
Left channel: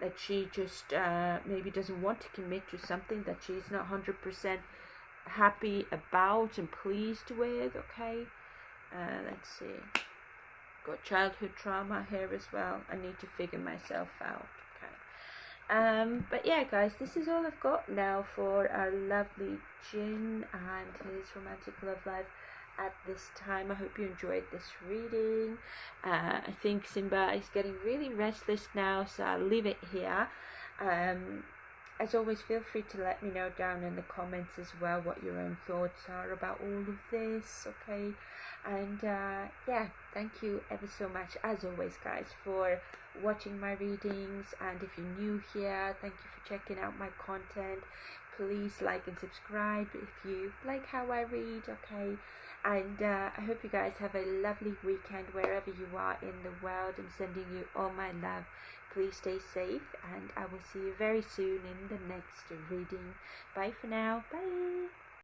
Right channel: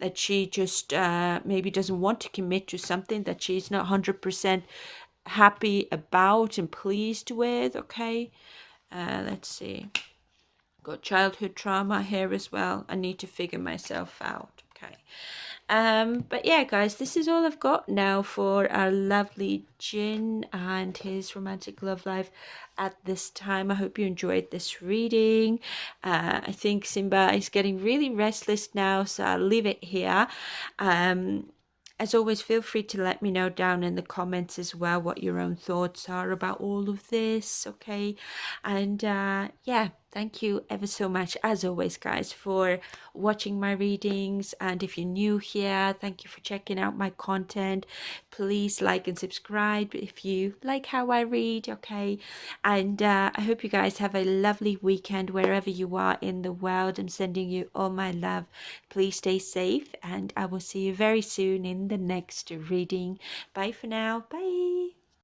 That she just maybe doesn't want to commit to something that she's not 100% happy about and pleased with. Okay, let's see. Got childhood trauma here as well. I need to figure myself out. Okay. But yeah, guys, this is all I've got now for our lovely Jin and his romantic love life at this time. I hope you enjoyed this reading. I think Simba is getting really restless now, so I'll leave it here. As always, feel free to let me know down in the comments as well what your own thoughts are about all of this, okay? And yeah, thank you ever so much, as always, guys, for watching my readings. And if you're new here, thank you for checking out my content. Please like and subscribe if you like how I read, okay? And I hope you guys have a lovely weekend wherever you are in the world. I'm sending you all my love. Please stay safe, and I will see you very soon in the next reading. Bye for now. Bye.